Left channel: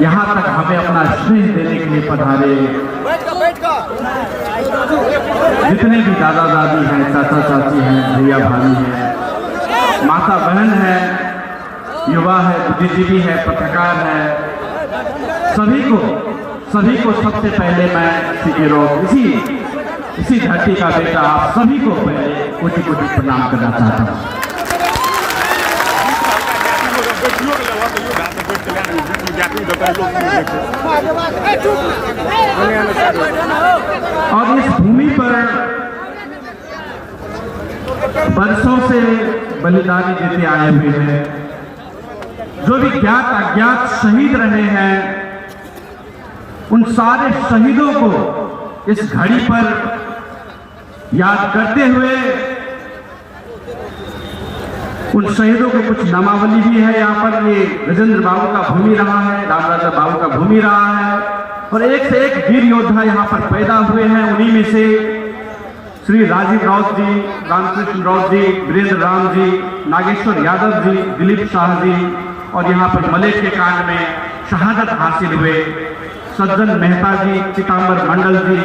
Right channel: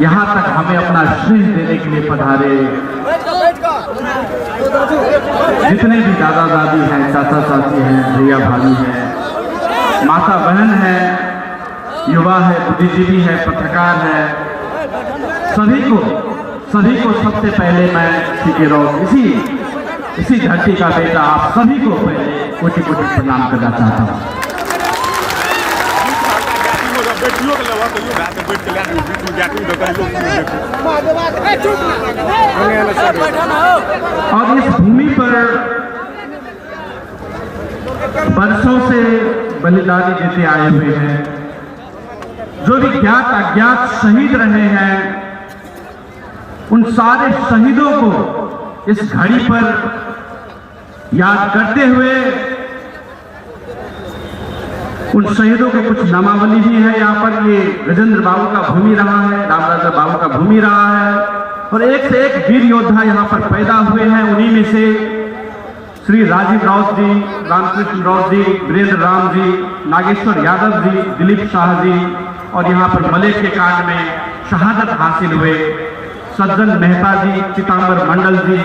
यहाँ तक हमें अपना स्नेह देने के लिए पधारे जितने भी दादा दादी हैं, चाचा चाची हैं, भैया भाभी हैं, माता बहन है, युवा है, बुद्धिजीवी है, पत्रकार है, सभी को सबसे पहले मैं इसी धरती का बेटा आप सभी को पहले कोटि कोटि प्रणाम करना चाहता हूँ। और इस भूमि पर वर्षों से बलिदानी देते आए हुए हैं, जो भी ज्ञात अज्ञात शहीद रहे हैं, उन सारे शहीदों को इस घड़ी पर याद करते हुए उन शहीदों को कुछ नामावली भी है। यहाँ पर ये गजेंद्र बाबू का भूमि रहा है, रामराजा बाबू का भूमि रहा है, और एक से एक वीर योद्धा यहाँ पर पैदा हुए हैं। उन्हीं में से श्री राजीव राउत जी, रामकृष्ण राउत जी, वीरेंद्र राम जी, नागेश्वर यादव जी, दिलीप शाह जी, और यहाँ पर मलेक के कांड में शहादत हासिल हुए सज्जन मेहता जी, चितांबर मंडल जी,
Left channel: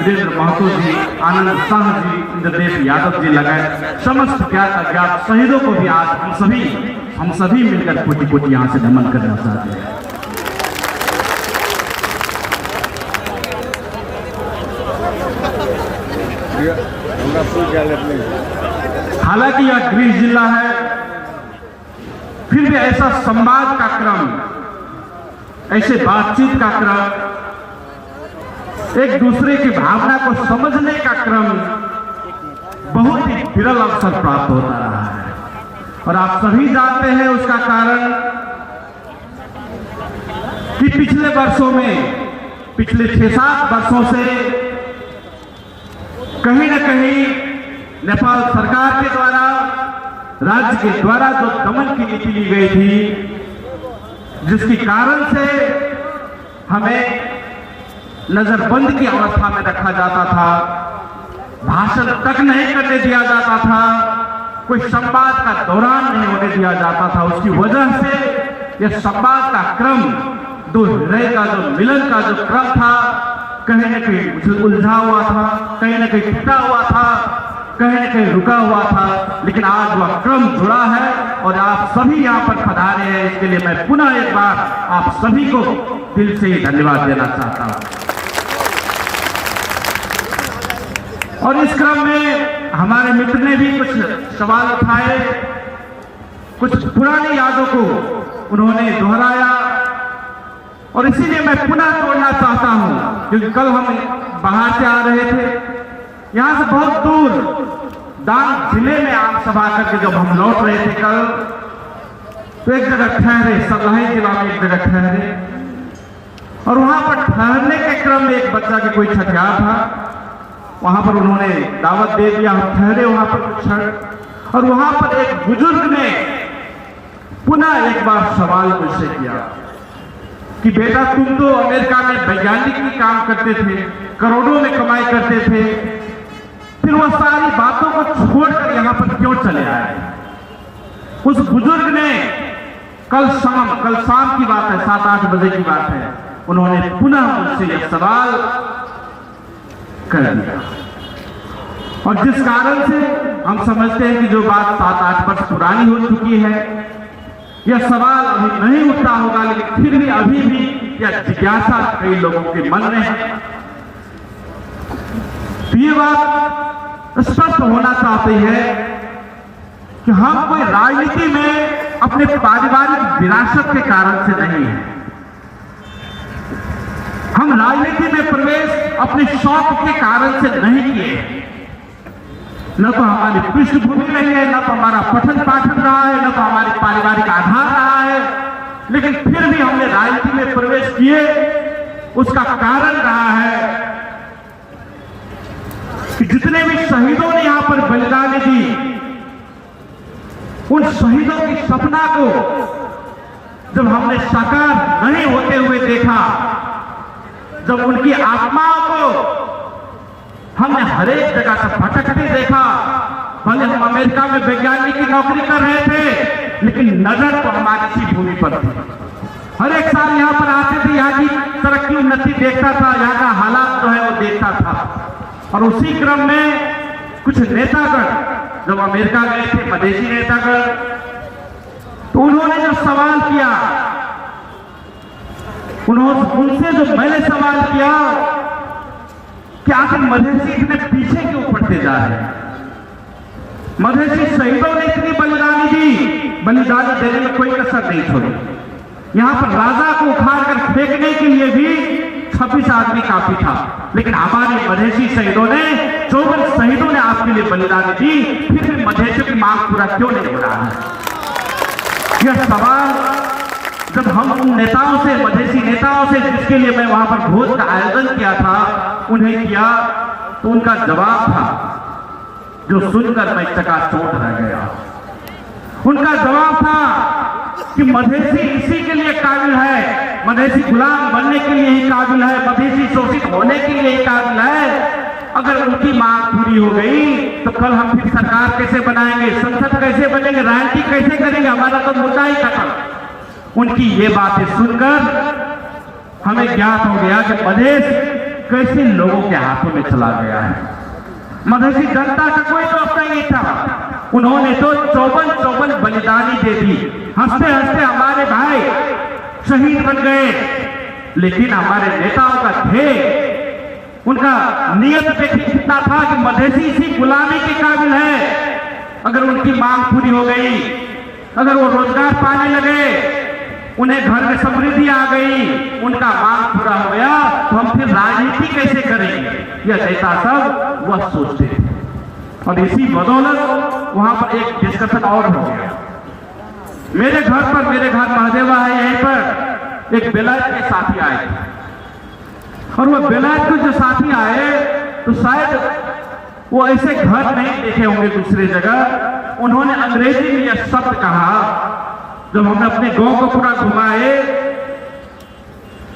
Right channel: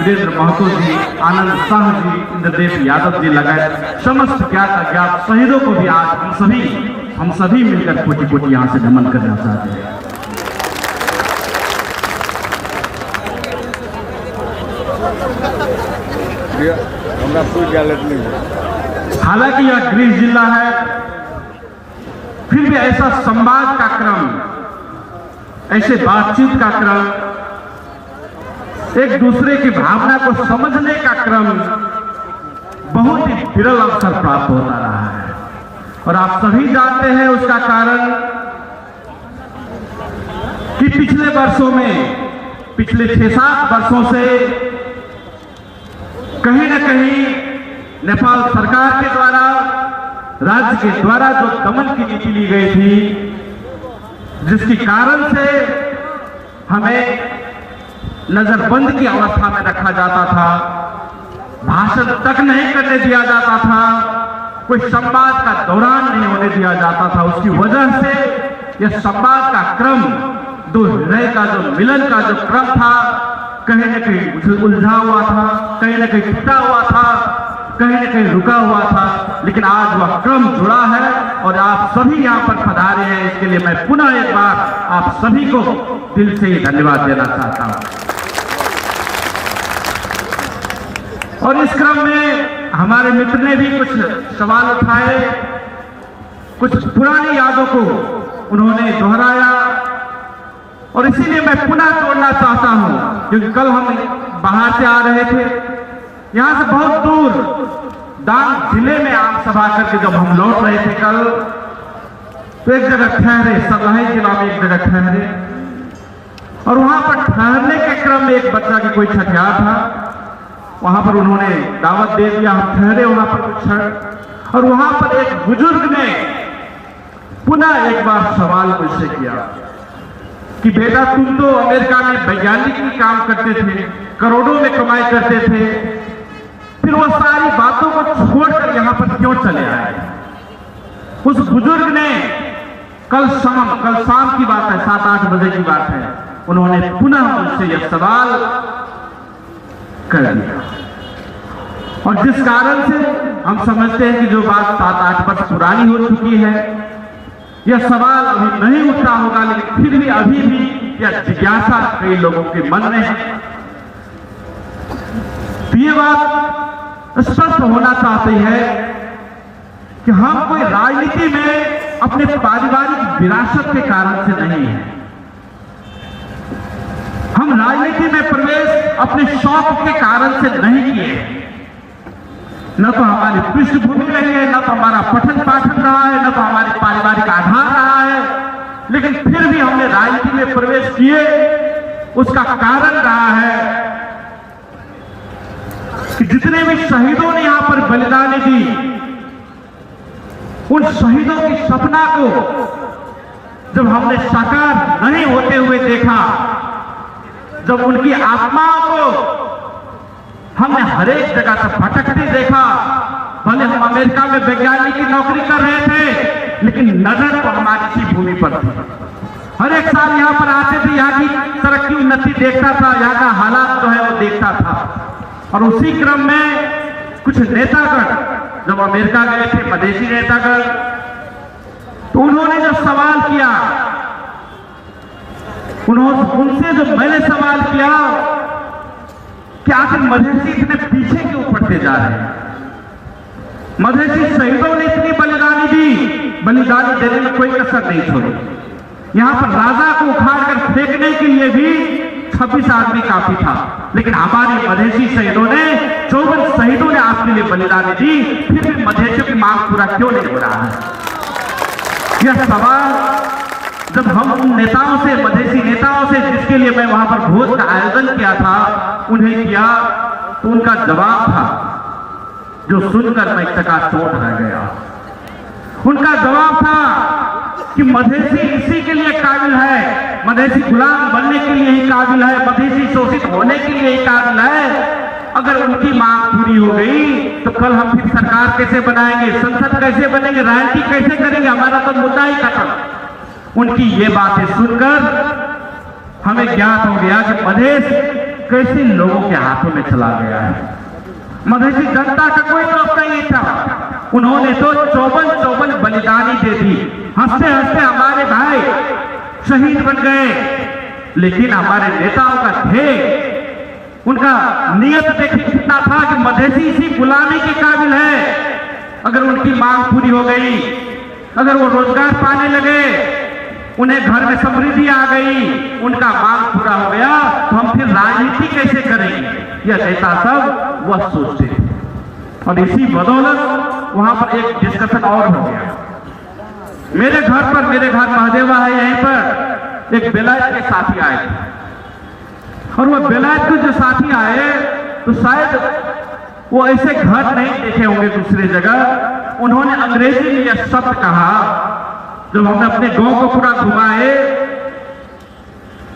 वीरेंद्र महतो जी, आनंद शाह जी, इंद्रदेव यादव जी लगाए समस्त ज्ञात अज्ञात शहीदों को भी आज हम सभी मिलकर कोटि कोटि यहाँ से नमन करना चाहते हैं। हालांकि यह गृह जिला है, फिर भी ऐसा संवाद का क्रम, ऐसे बातचीत का क्रम, एक दूसरे की भावना को समझने का क्रम बहुत ही विरल अवसर प्राप्त होता रहा है। और आप सभी जानते हैं उसका कारण कि पिछले वर्षों में, पिछले 6-7 वर्षों से कहीं न कहीं नेपाल सरकार के द्वारा, राज्य के द्वारा जो दमन की नीति ली गई थी, जिसके कारण से हमें नजरबंद की अवस्था में रखा जाता था, भाषण तक नहीं करने दिया जाता था, कोई संवाद का दौरान नहीं होने दिया जाता था। उसकी वजह से यह संवाद का क्रम, दो हृदय का जो मिलन का जो क्रम था, कहीं न कहीं उलझा हुआ था, कहीं न कहीं टूटा हुआ था, कहीं न कहीं रुका हुआ था। लेकिन आज वह क्रम जुड़ा है और आप सभी यहाँ पर पधारे हैं, इसके लिए मैं पुनः एक बार आप सभी को दिल से धन्यवाद देना चाहता हूँ। और इस क्रम में हमारे मित्र ने भी कुछ सवाल उठाए, कुछ पुरानी यादों को उन्होंने दोहराया, और इसीलिए मैं पुनः जोड़ना चाहता हूं, क्योंकि कल हम बाहर से आ रहे थे, यहां से बहुत दूर डांग जिले में आम सभा करके जब हम लौट रहे थे कल, तो एक जगह ठहरे, सरलाही जिला में एक जगह ठहरे, और वहां पर ठहरने के क्रम में एक बच्चा की कोई छठियार था, वहां पर उन्होंने दावत दे दिया, हम ठहरे वहां पर कुछ क्षण, और वहां पर एक बुजुर्ग ने पुनः एक बार सवाल मुझसे किया कि बेटा तुम तो अमेरिका में वैज्ञानिक की काम करते थे, करोड़ों में कमाई करते थे, फिर वो सारी बातों को छोड़कर यहाँ पर क्यों चले आए? उस बुजुर्ग ने कल शाम की बात है, 7-8 बजे की बात है, उन्होंने पुनः मुझसे यह सवाल कर दिया। और जिस कारण से हम समझते हैं कि जो बात 7-8 वर्ष पुरानी हो चुकी है, यह सवाल अभी नहीं उठता होगा, लेकिन फिर भी अभी भी यह जिज्ञासा कई लोगों के मन में है। तो ये बात स्पष्ट होना चाहती है कि हम कोई राजनीति में अपने पारिवारिक विरासत के कारण से नहीं है, हम राजनीति में प्रवेश अपने शौक के कारण से नहीं किए। न तो हमारी पृष्ठभूमि रही है, न तो हमारा पठन पाठन रहा है, न तो हमारे पारिवारिक आधार रहा है, लेकिन फिर भी हमने राजनीति में प्रवेश किए। उसका कारण रहा है कि जितने भी शहीदों ने यहाँ पर बलिदानी दी, उन शहीदों की सपना को जब हमने साकार नहीं होते हुए देखा, जब उनकी आत्माओं को हमने हर एक जगह से भटकते देखा, भले हम अमेरिका में वैज्ञानिक की नौकरी कर रहे थे, लेकिन नजर तो हमारी इसी भूमि पर थी। हर एक साल यहाँ पर आते थे, देखता था, यहाँ का हालात जो है वो देखता था। और उसी क्रम में कुछ नेतागण जब अमेरिका गए थे, मधेसी नेतागण, तो उन्होंने जो सवाल किया, उनसे जो मैंने सवाल किया कि आखिर मधेसी इतने पीछे क्यों पड़ते जा रहे हैं? मधेसी शहीदों ने इतनी बलिदानी दी, बलिदानी देने में कोई कसर नहीं छोड़ी। यहाँ पर राजा को उखाड़ कर फेंकने के लिए भी 26 आदमी काफी था, लेकिन हमारे मधेसी शहीदों ने 54 शहीदों ने आपके लिए बलिदानी दी, फिर भी मधेसियों की मांग पूरा क्यों नहीं हो रहा है? यह सवाल जब हम उन नेताओं से, मधेसी नेताओं से, जिसके लिए मैं वहां पर भोज का आयोजन किया था, उन्हें किया, तो उनका जवाब था जो सुनकर मैं चकाचौंध रह गया। उनका जवाब था कि मधेसी इसी के लिए काबिल है, मधेसी गुलाम बनने के लिए ही काबिल है, मधेसी शोषित होने के लिए ही काबिल है। अगर उनकी मांग पूरी हो गई तो कल हम फिर सरकार कैसे बनाएंगे, संसद कैसे बनेंगे, राजनीति कैसे करेंगे, हमारा तो मुद्दा ही खत्म। उनकी ये बातें सुनकर हमें ज्ञात हो गया कि मधेश कैसे लोगों के हाथों में चला गया है। मधेसी जनता का कोई दोस्त नहीं था, उन्होंने तो 54 बलिदानी दे दी। हंसते हंसते हमारे भाई शहीद बन गए, लेकिन हमारे नेताओं का ध्येय, उनका नियत देखिए कितना था कि मधेसी इसी गुलामी के काबिल है। अगर उनकी मांग पूरी हो गई, अगर वो रोजगार पाने लगे, उन्हें घर में समृद्धि आ गई, उनका मांग पूरा हो गया, तो हम फिर राजनीति कैसे करेंगे? यह नेता सब वह सोचते थे। और इसी बदौलत वहां पर एक डिस्कशन और हो गया। मेरे घर महादेवा है, यहीं पर एक बेलायत के साथी आए थे, और वो बेलायत के जो साथी आए तो शायद वो ऐसे घर नहीं देखे होंगे दूसरी जगह। उन्होंने अंग्रेजी में यह शब्द कहा, जब हमने अपने गांव को पूरा घुमाए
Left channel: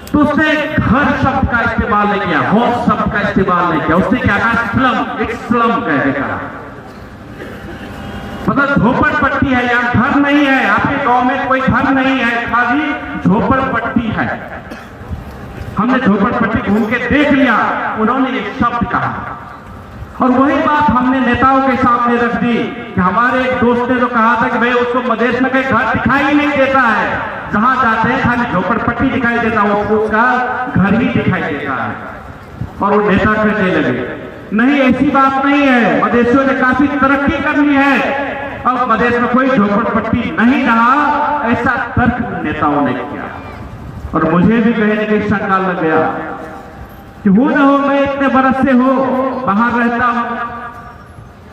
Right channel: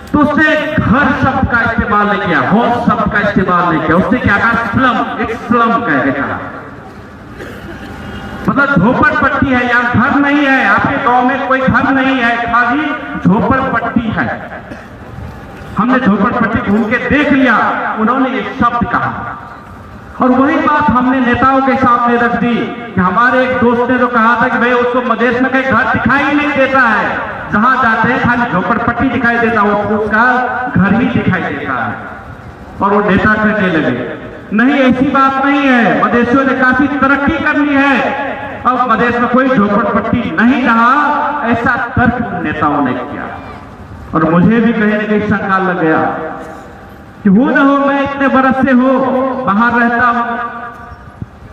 तो उसने घर शब्द का इस्तेमाल नहीं किया, हाउस शब्द का इस्तेमाल नहीं किया, उसने क्या कहा, स्लम, एक स्लम कह के कहा। मतलब झोपड़पट्टी है, यहाँ घर नहीं है, आपके गांव में कोई घर नहीं है, खाली झोपड़पट्टी है। हमने झोपड़पट्टी घूम के देख लिया, उन्होंने एक शब्द कहा, और वही बात हमने नेताओं के सामने रख दी कि हमारे एक दोस्त ने जो कहा था कि भाई उसको मधेश में कहीं घर दिखाई नहीं देता है, जहां जाते हैं खाली झोपड़पट्टी दिखाई देता है, उसका घर ही दिखाई देता है। और वो नेता कहने लगे, नहीं ऐसी बात नहीं है, मधेसियों ने काफी तरक्की कर ली है, अब मधेश में कोई झोपड़पट्टी नहीं रहा, ऐसा तर्क नेताओं ने किया। और मुझे भी कहीं न कहीं शंका लग गया कि हो न हो मैं इतने बरस से हो बाहर रहता हूं,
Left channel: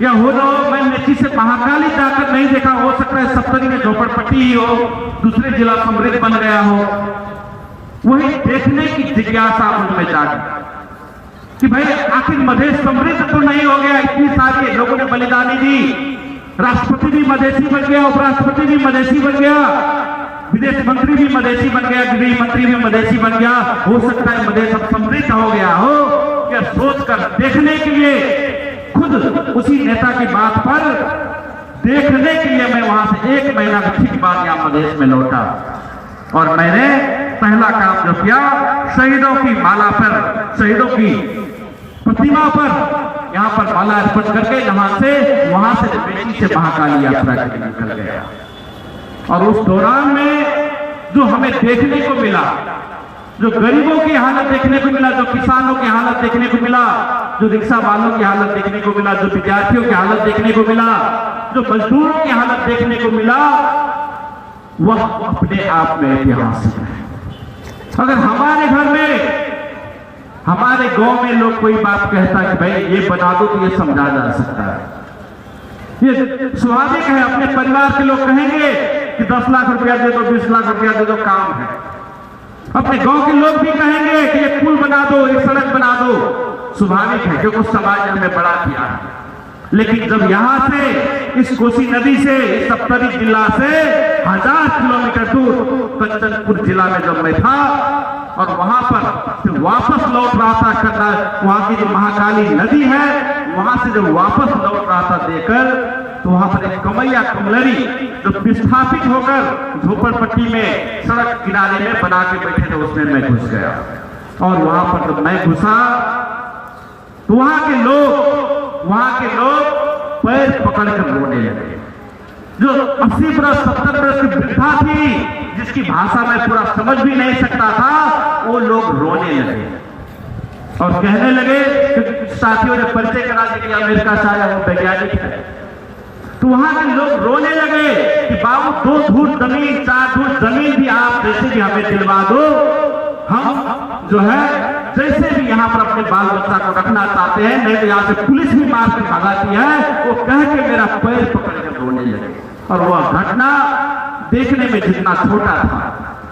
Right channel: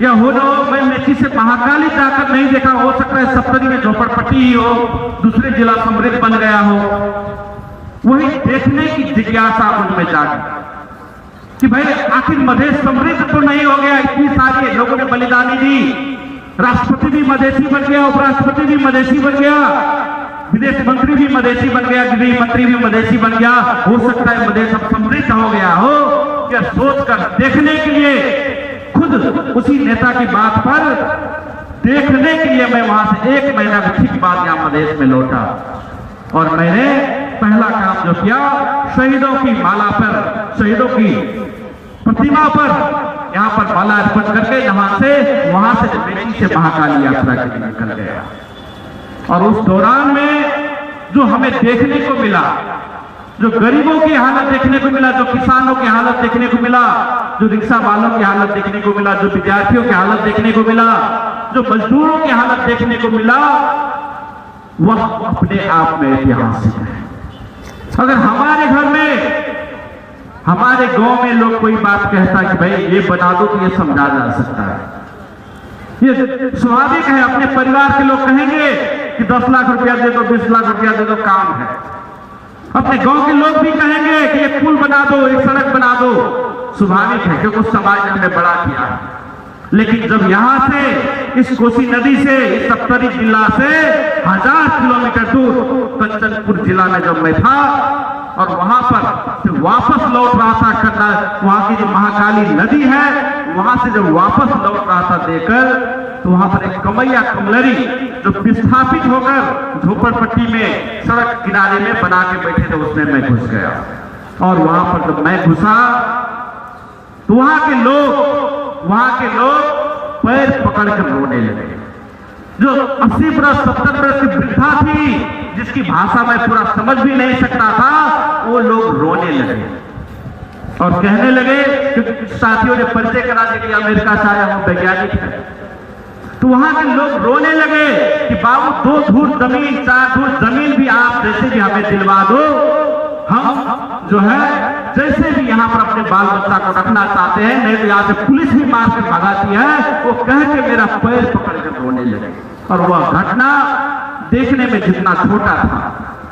या हो न हो मैं मेची से महाकाली जाकर नहीं देखा, हो सकता है सप्तरी में झोपड़पट्टी ही हो, दूसरे जिला समृद्ध बन गया हो। वही देखने की जिज्ञासा उनमें जागी कि भाई आखिर मधेश समृद्ध तो नहीं हो गया, इतनी सारी लोगों ने बलिदानी दी, राष्ट्रपति भी मधेसी बन गया, उपराष्ट्रपति भी मधेसी बन गया, विदेश मंत्री भी मधेसी बन गया, गृह मंत्री भी मधेसी बन गया, हो सकता है मधेश समृद्ध हो गया हो। यह सोचकर देखने के लिए, खुद उसी नेता की बात पर देखने के लिए मैं वहां से 1 महीना के ठीक बाद यहाँ मधेश में लौटा, और मैंने पहला काम जो किया, शहीदों की माला पर, शहीदों की प्रतिमा पर यहाँ पर माला अर्पण करके वहां से मेची से महाकाली यात्रा के लिए निकल गया। और उस दौरान में जो हमें देखने को मिला, जो गरीबों की हालत देखने को मिला, जो किसानों की हालत देखने को मिला, जो रिक्शा वालों की हालत देखने को मिला, जो विद्यार्थियों की हालत देखने को मिला, जो मजदूरों की हालत देखने को मिला, वह अपने आप में ऐतिहासिक है। अगर हमारे घर में, हमारे गांव में लोग कोई बात कहता कि भाई ये बता दो, तो ये समझा जा सकता है, ये स्वाभाविक है। अपने परिवार के लोग कहेंगे कि 10 लाख रुपया दे दो, 20 लाख रुपया दे दो, काम है। अपने गांव के लोग भी कहेंगे कि एक पुल बना दो, एक सड़क बना दो, स्वाभाविक है, क्योंकि उस समाज ने हमें बड़ा किया। लेकिन जब यहां से, इस कोसी नदी से, इस सप्तरी जिला से 1000 किलोमीटर दूर कंचनपुर जिला में जब मैं था, और वहां पर फिर वापस लौट रहा था, करना वहां की जो महाकाली नदी है, वहां से जब वापस लौट रहा था देकर, तो वहां पर एक कमैया कमलरी जो विस्थापित होकर झोपड़पट्टी में सड़क किनारे में बना के बैठे थे, उसमें मैं घुस गया। और वहां पर जब मैं घुसा तो वहां के लोग पैर पकड़कर रोने लगे। जो 80 बरस 70 बरस की वृद्धा थी, जिसकी भाषा मैं पूरा समझ भी नहीं सकता था, वो लोग रोने लगे और कहने लगे, क्योंकि कुछ साथियों ने परिचय करा दिया कि अमेरिका से आया वो वैज्ञानिक है। तो वहां के लोग रोने लगे कि बाबू 2 धूर जमीन 4 धूर जमीन भी आप जैसे भी हमें दिलवा दो, हम जो है जैसे भी यहाँ पर अपने बाल बच्चा को रखना चाहते हैं, नहीं तो यहाँ से पुलिस भी मार के भगाती है। वो कह के मेरा पैर पकड़ के रोने लगे। और वह घटना देखने में जितना छोटा था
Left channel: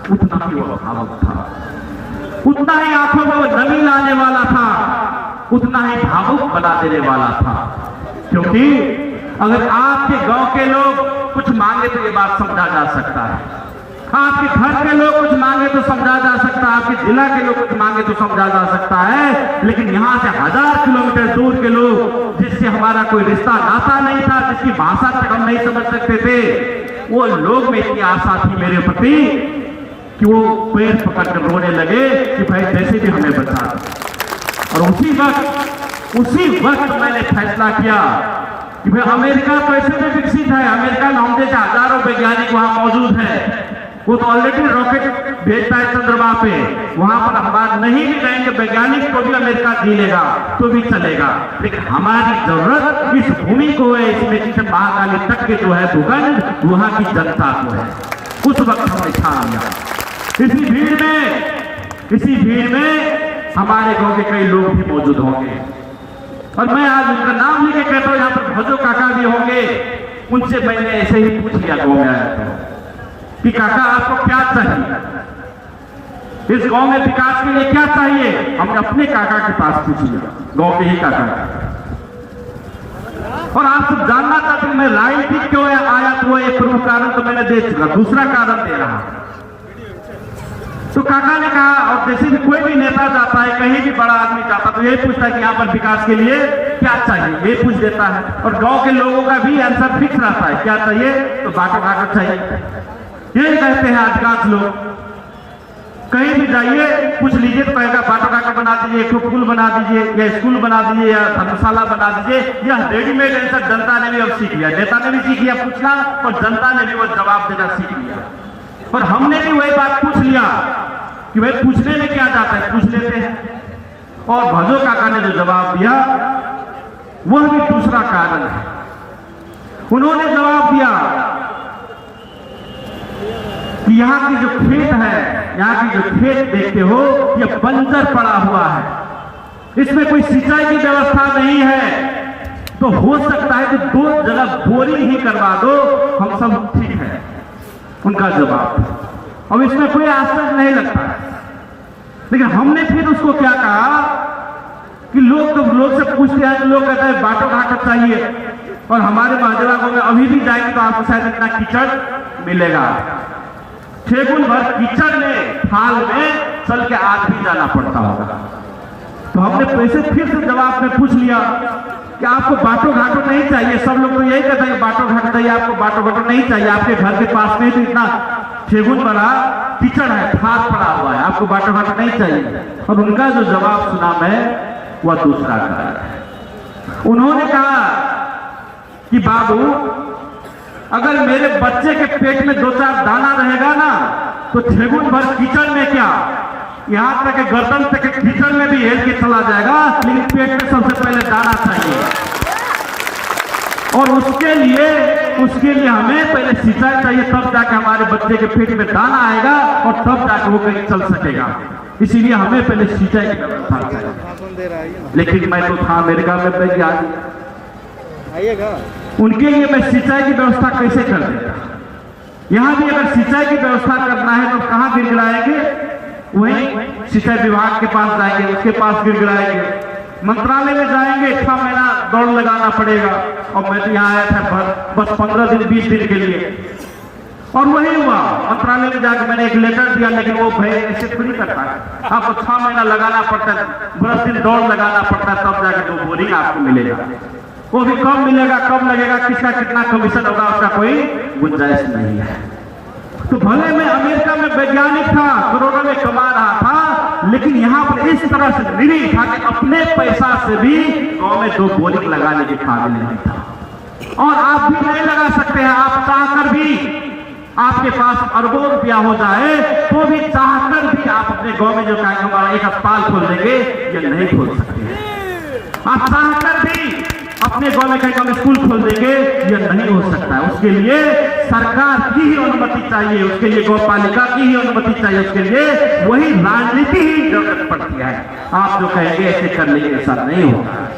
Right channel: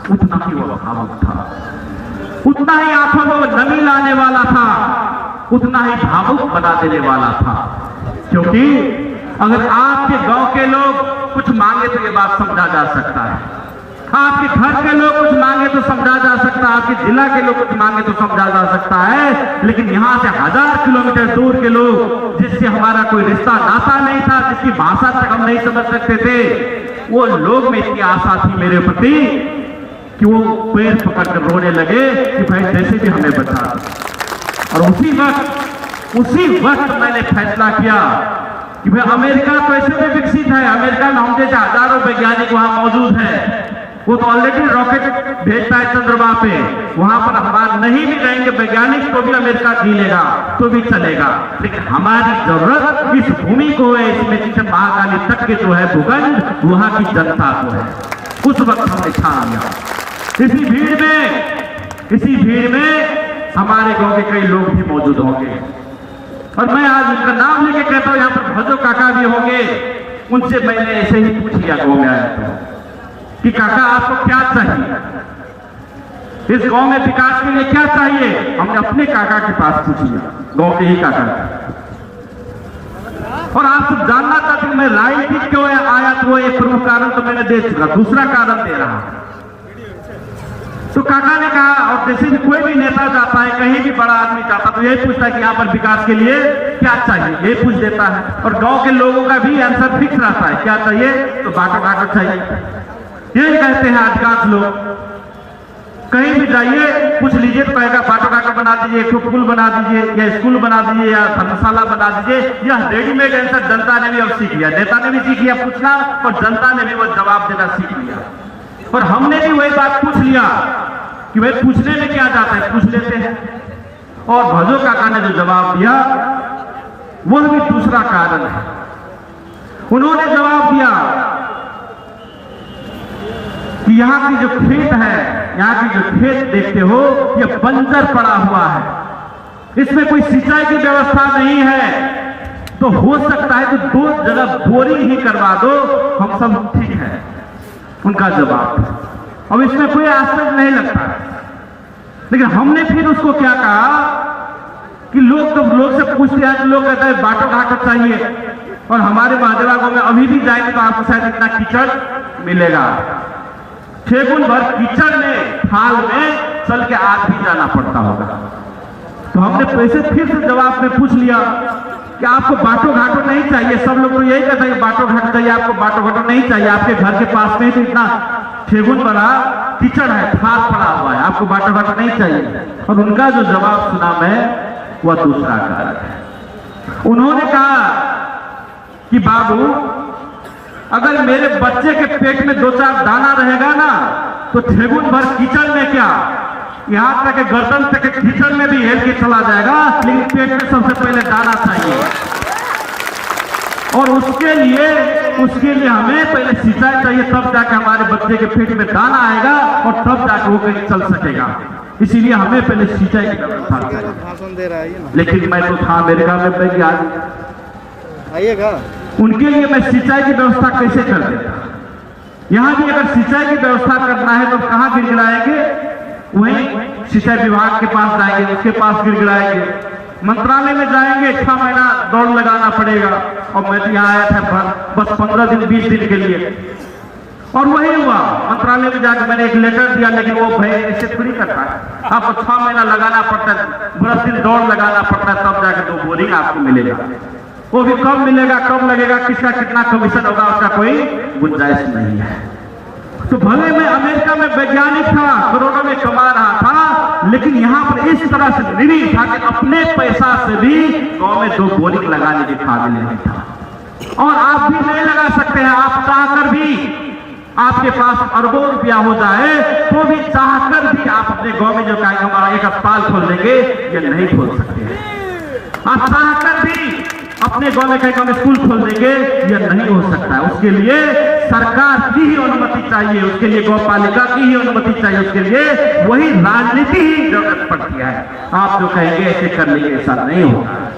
उतना ही वह भावुक था, उतना ही आंखों में वो नमी लाने वाला था, उतना ही भावुक बना देने वाला था। क्योंकि अगर आपके गांव के लोग कुछ मांगे तो ये बात समझा जा सकता है, आपके घर के लोग कुछ मांगे तो समझा जा सकता है, आपके जिला के लोग कुछ मांगे तो समझा जा सकता है, लेकिन यहाँ से 1000 किलोमीटर दूर के लोग, जिससे हमारा कोई रिश्ता नाता नहीं था, जिसकी भाषा तक हम नहीं समझ सकते थे, वो लोग में इतनी आशा थी मेरे प्रति कि वो पैर पकड़कर रोने लगे कि भाई जैसे भी हमें बचा। और उसी वक्त मैंने फैसला किया कि भाई अमेरिका तो ऐसे में विकसित है, अमेरिका में हम जैसे हजारों वैज्ञानिक वहां मौजूद है, वो तो ऑलरेडी रॉकेट भेजता है चंद्रमा पे, वहां पर हम नहीं भी जाएंगे वैज्ञानिक तो भी अमेरिका जी लेगा तो भी चलेगा, लेकिन हमारी जरूरत इस भूमि को है, इसमें जिसे महाकाली तक के जो है भूखंड वहां की जनता को है। उस वक्त हमने ठान लिया। इसी भीड़ में हमारे गांव के कई लोग भी मौजूद होंगे और मैं आज उनका नाम लेके कहता हूँ, यहाँ पर भजो काका भी होंगे। उनसे मैंने ऐसे ही पूछ लिया गांव में आया था कि काका आपको क्या चाहिए, इस गांव में विकास के लिए क्या चाहिए। हमने अपने काका के पास पूछ लिया, गांव के ही काका। और आपसे जानना चाहते हैं मैं लाइन ठीक क्यों आया, तो वो एक प्रमुख कारण तो मैंने दे चुका, दूसरा कारण दे रहा। तो काका ने कहा, और जैसे भी कोई भी नेता जाता है, कहीं भी बड़ा आदमी जाता तो यही पूछता है कि यहाँ पर विकास के लिए क्या चाहिए, ये पूछ देता है। और गांव के लोगों का भी आंसर फिक्स रहता है, क्या चाहिए, तो बाटो घाटो चाहिए, यही कहते हैं अधिकांश लोग। कहीं भी जाइए पूछ लीजिए तो कहेगा बाटो घाटो बना दीजिए, एक पुल बना दीजिए, या स्कूल बना दीजिए, या धर्मशाला बना दीजिए। यह रेडीमेड आंसर जनता ने भी अब सीख लिया, नेता ने भी सीख लिया पूछना, और जनता ने भी वो जवाब देना सीख लिया। और हमने भी वही बात पूछ लिया कि भाई पूछने में क्या जाता है, पूछ लेते हैं। और भजो काका ने जो जवाब दिया वह भी दूसरा कारण है। उन्होंने जवाब दिया कि यहाँ की जो खेत है, यहाँ की जो खेत देखते हो यह बंजर पड़ा हुआ है, इसमें कोई सिंचाई की व्यवस्था नहीं है, तो हो सकता है तो 2 जगह बोरिंग ही करवा दो, हम सब ठीक है। उनका जवाब। अब इसमें कोई आश्चर्य नहीं लगता, लेकिन हमने फिर उसको क्या कहा कि लोग से पूछते हैं तो लोग कहते हैं बाटो घाटो चाहिए, और हमारे महादेवा गांव में अभी भी जाएंगे तो आपको शायद इतना कीचड़ मिलेगा, ठेकुन भर कीचड़ में थाल में चल के आज भी जाना पड़ता होगा। तो हमने पैसे फिर से जवाब में पूछ लिया कि आपको बाटो घाटो नहीं चाहिए, सब लोग तो यही कहते हैं बाटो घाटो चाहिए, आपको बाटो घाटो नहीं चाहिए, आपके घर के पास में तो इतना ठेकुन बड़ा कीचड़ है, खाद पड़ा हुआ है, आपको बाटो घाटो नहीं चाहिए। और उनका जो जवाब सुना मैं, वह दूसरा कारण। उन्होंने कहा कि बाबू अगर मेरे बच्चे के पेट में 2-4 दाना रहेगा ना तो ठेकुन भर कीचड़ में क्या, यहाँ तक गर्दन तक कीचड़ में भी हेल के चला जाएगा, लेकिन पेट में सबसे पहले दाना चाहिए। और उसके लिए हमें पहले सिंचाई चाहिए, तब जाके हमारे बच्चे के पेट में दाना आएगा और तब जाके वो कहीं चल सकेगा। इसीलिए हमें पहले सिंचाई की व्यवस्था चाहिए। लेकिन मैं तो था अमेरिका में पहले आइएगा, उनके लिए मैं सिंचाई की व्यवस्था कैसे कर देता। यहाँ भी अगर सिंचाई की व्यवस्था करना है तो कहाँ गिड़गिड़ाएंगे, वहीं सिंचाई विभाग के पास जाएंगे, उसके पास गिड़गिड़ाएंगे, मंत्रालय में जाएंगे, 6 महीना दौड़ लगाना पड़ेगा। और मैं तो यहाँ आया था बस 15 दिन 20 दिन के लिए, और वही हुआ। मंत्रालय में जाकर मैंने एक लेटर दिया, लेकिन वो भाई ऐसे पूरी करता है, आपको 6 महीना लगाना पड़ता है, 10 दिन दौड़ लगाना पड़ता है, तब जाकर 2 बोरिंग आपको मिलेगा। वो भी कब मिलेगा, कब लगेगा, किसका कितना कमीशन होगा, उसका कोई गुंजाइश नहीं है। तो भले मैं अमेरिका में वैज्ञानिक था, करोड़ों में कमा रहा था, लेकिन यहाँ पर इस तरह से निरीह था कि अपने पैसा से भी गांव में 2 बोरिंग लगाने के काबिल नहीं था। और आप भी नहीं लगा सकते हैं, आप चाहकर भी, आपके पास अरबों रुपया हो जाए तो भी चाहकर भी आप अपने गांव में जो हमारा एक अस्पताल खोल देंगे, ये नहीं खोल सकते। आप चाहकर भी अपने गांव में कहीं स्कूल खोल देंगे, ये नहीं हो सकता। उसके लिए सरकार की ही अनुमति चाहिए, उसके लिए गौ पालिका की ही अनुमति चाहिए, उसके लिए वही राजनीति ही जरूरत पड़ती है। आप जो कहेंगे ऐसे कर लेंगे, ऐसा नहीं होगा।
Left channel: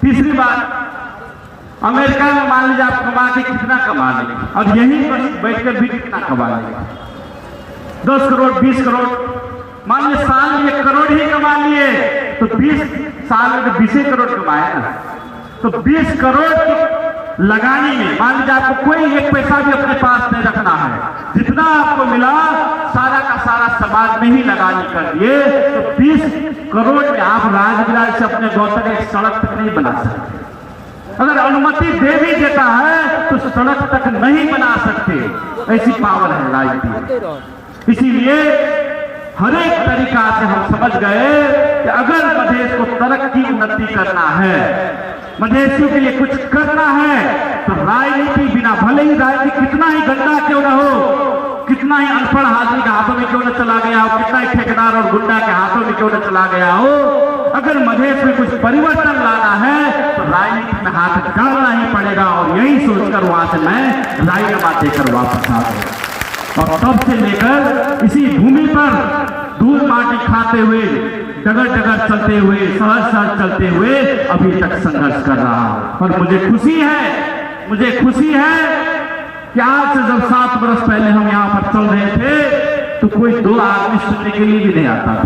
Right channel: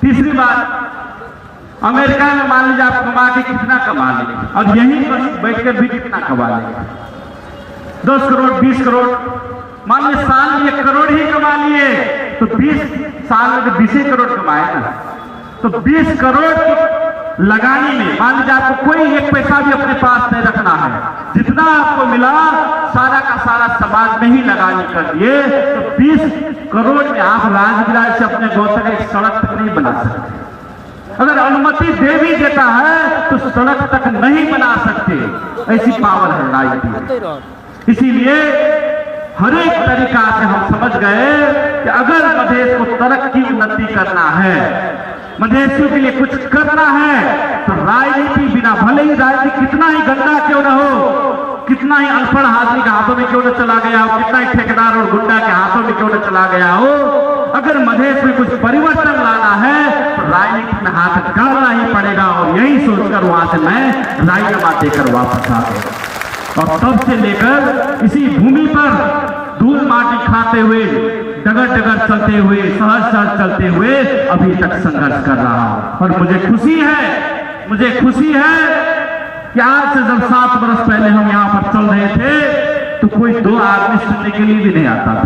तीसरी बात, अमेरिका में मान लीजिए आप कमा के कितना कमा लेंगे, और यहीं पर बैठकर भी कितना कमा लेंगे, 10 करोड़ 20 करोड़, मान लीजिए साल में 1 करोड़ ही कमा लिए तो 20 साल में 20 करोड़ कमाए ना, तो 20 करोड़ लगाने में मान लीजिए आपको कोई एक पैसा भी अपने पास नहीं रखना है, जितना आपको मिला सारा का सारा समाज में ही लगाने कर दिए, तो 20 करोड़ में आप राजगिरा से अपने गांव तक एक सड़क तक नहीं बना सकते। अगर अनुमति दे भी देता है तो सड़क तक नहीं बना सकते, ऐसी पावर है राजनीति। इसीलिए हर एक तरीका से हम समझ गए कि अगर मधेश को तरक्की उन्नति करना है, मधेशियों के लिए कुछ करना है, तो राजनीति बिना, भले ही राजनीति कितना ही गंदा क्यों न हो, कितना ही अनपढ़ आदमी के हाथों में क्यों न चला गया हो, कितना ही ठेकेदार और गुंडा के हाथों में क्यों न चला गया हो, अगर मधेश में कुछ परिवर्तन लाना है तो राजनीति में हाथ डालना ही पड़ेगा। और यही सोचकर वहां से मैं राजीनामा देकर वापस आ गया। और तब से लेकर इसी भूमि पर धूल माटी खाते हुए, डगर डगर चलते हुए, सहज सहज चलते हुए अभी तक संघर्ष कर रहा हूं। और मुझे खुशी है कि आज से जब 7 वर्ष पहले हम यहाँ पर चल रहे थे तो कोई 2 आदमी सुनने के लिए भी नहीं आता था,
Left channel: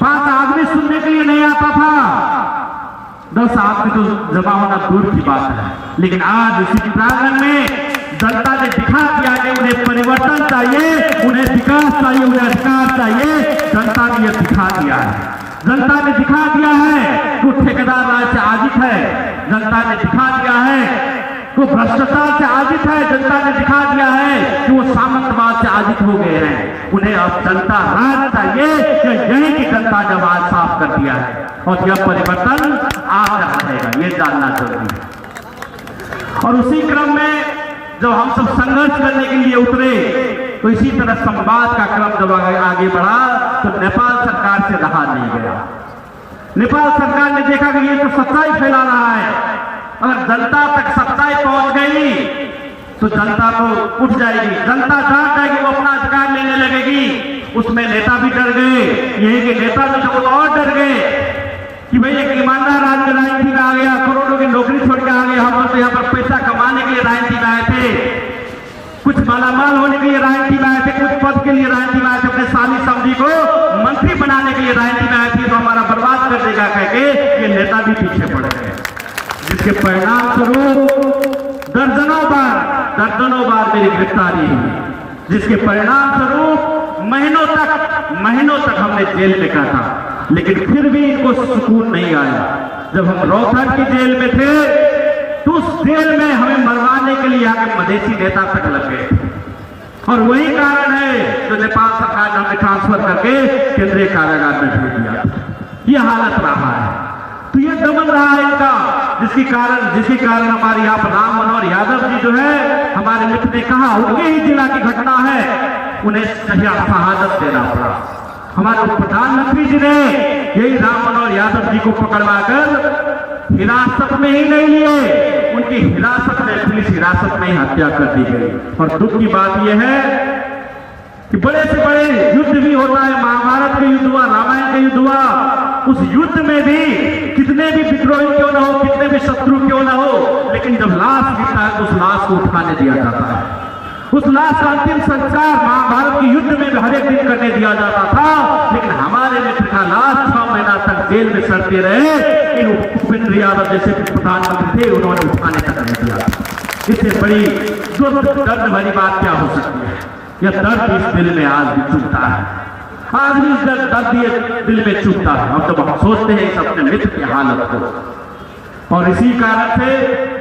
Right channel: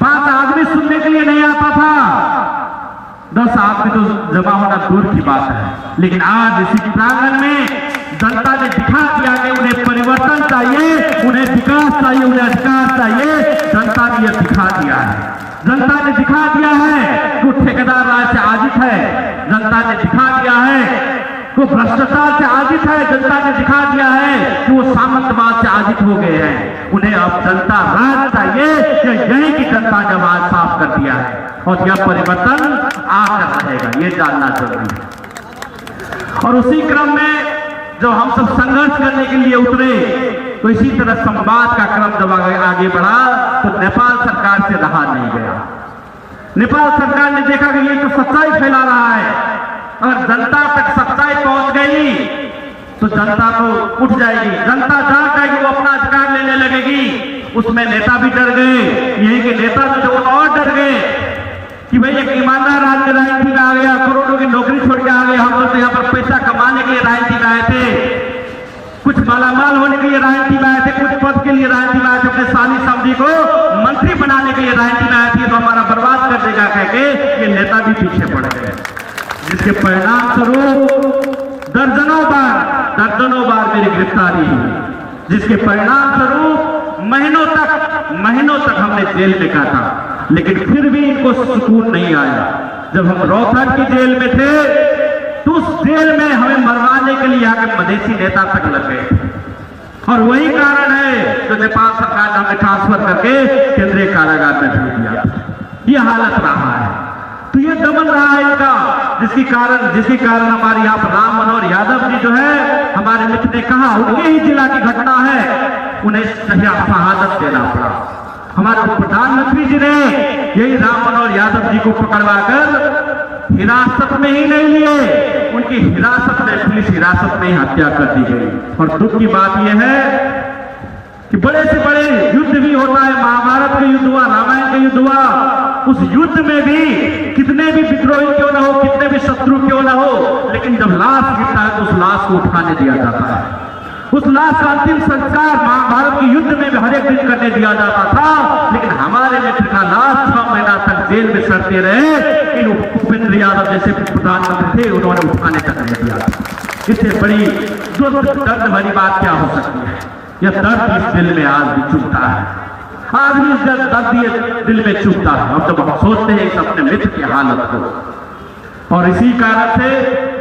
5 आदमी सुनने के लिए नहीं आता था, 10 आदमी तो जमा होना दूर की बात है। लेकिन आज इसी प्रांगण में जनता ने दिखा दिया कि उन्हें परिवर्तन चाहिए, उन्हें विकास चाहिए, उन्हें अधिकार चाहिए। जनता ने यह दिखा दिया है, जनता ने दिखा दिया है कि ठेकेदार राज से आजित है, जनता ने दिखा दिया है वो भ्रष्टाचार से आजित है, जनता ने दिखा दिया है कि वो सामंतवाद से आजित हो गए हैं। उन्हें अब जनता राज चाहिए, यही की जनता ने आवाज साफ कर दिया है और यह परिवर्तन आज रहेगा, ये जानना जरूरी है। और उसी क्रम में जब हम सब संघर्ष करने के लिए उतरे तो इसी तरह संवाद का क्रम जब आगे बढ़ा तो नेपाल सरकार से रहा नहीं गया। नेपाल सरकार ने देखा कि ये तो सच्चाई फैला रहा है, अगर जनता तक सच्चाई पहुंच गई तो जनता तो उठ जाएगी, जनता जान जाएगी, वो अपना अधिकार लेने लगेगी। उसमें नेता भी डर गए, यही के नेता भी तो और डर गए कि भाई एक ईमानदार आदमी राजनीति में आ गया, करोड़ों की नौकरी छोड़ के आ गए, हम तो यहाँ पर पैसा कमाने के लिए राजनीति में आए थे, कुछ मालामाल होने के लिए राजनीति में आए थे, कुछ पद के लिए राजनीति में आए थे, अपने साली समझी को मंत्री बनाने के लिए राजनीति में आए थे, तो हमारा बर्बाद कर देगा कह के ये नेता भी पीछे पड़ गए, जिसके परिणाम स्वरूप दर्जनों बार मेरी गिरफ्तारी हुई, जिसके परिणाम स्वरूप महीनों तक हमने जेल में काटा, लेकिन फिर भी इनको सुकून नहीं आया। जब हम रोहतक की जेल में थे तो उस जेल में हमें मरवाने के लिए यहाँ के मधेसी नेता तक लग गए थे, और वही कारण है जो नेपाल सरकार ने हमें ट्रांसफर करके केंद्रीय कारागार में भेज दिया। ये हालत रहा है, तो ये दमन रहा है इनका, जिसके कारण हमारे यहाँ पर राम मनोहर यादव जी जो है, हमारे मित्र ने कहा उनके ही जिला की घटना है, उन्हें शहादत देना पड़ा। हमारे प्रधानमंत्री जी ने यही राम मनोहर यादव जी को पकड़वा कर हिरासत में ही नहीं लिए, उनकी हिरासत में, पुलिस हिरासत में हत्या कर दी गई। और दुख की बात यह है कि बड़े से बड़े युद्ध भी होता है, महाभारत का युद्ध हुआ, रामायण का युद्ध हुआ, उस युद्ध में भी कितने भी विद्रोही क्यों न हो, कितने भी शत्रु क्यों न हो, लेकिन जब लाश गिरता है तो उस लाश को उठाने दिया जाता है। उस लाश का अंतिम संस्कार महाभारत के युद्ध में भी हर एक दिन करने दिया जाता था, लेकिन हमारे मित्र का लाश 6 महीना तक जेल में सड़ते रहे। भूपेंद्र यादव जैसे प्रधानमंत्री थे, उन्होंने उठाने तक नहीं दिया। इससे बड़ी दर्द भरी बात क्या हो सकती है? यह दर्द इस दिल में आज भी चुभता है, आज भी इस दर्द दिल में चुभता है। और जब हम सोचते हैं इस अपने मित्र की हालत को, और इसी कारण से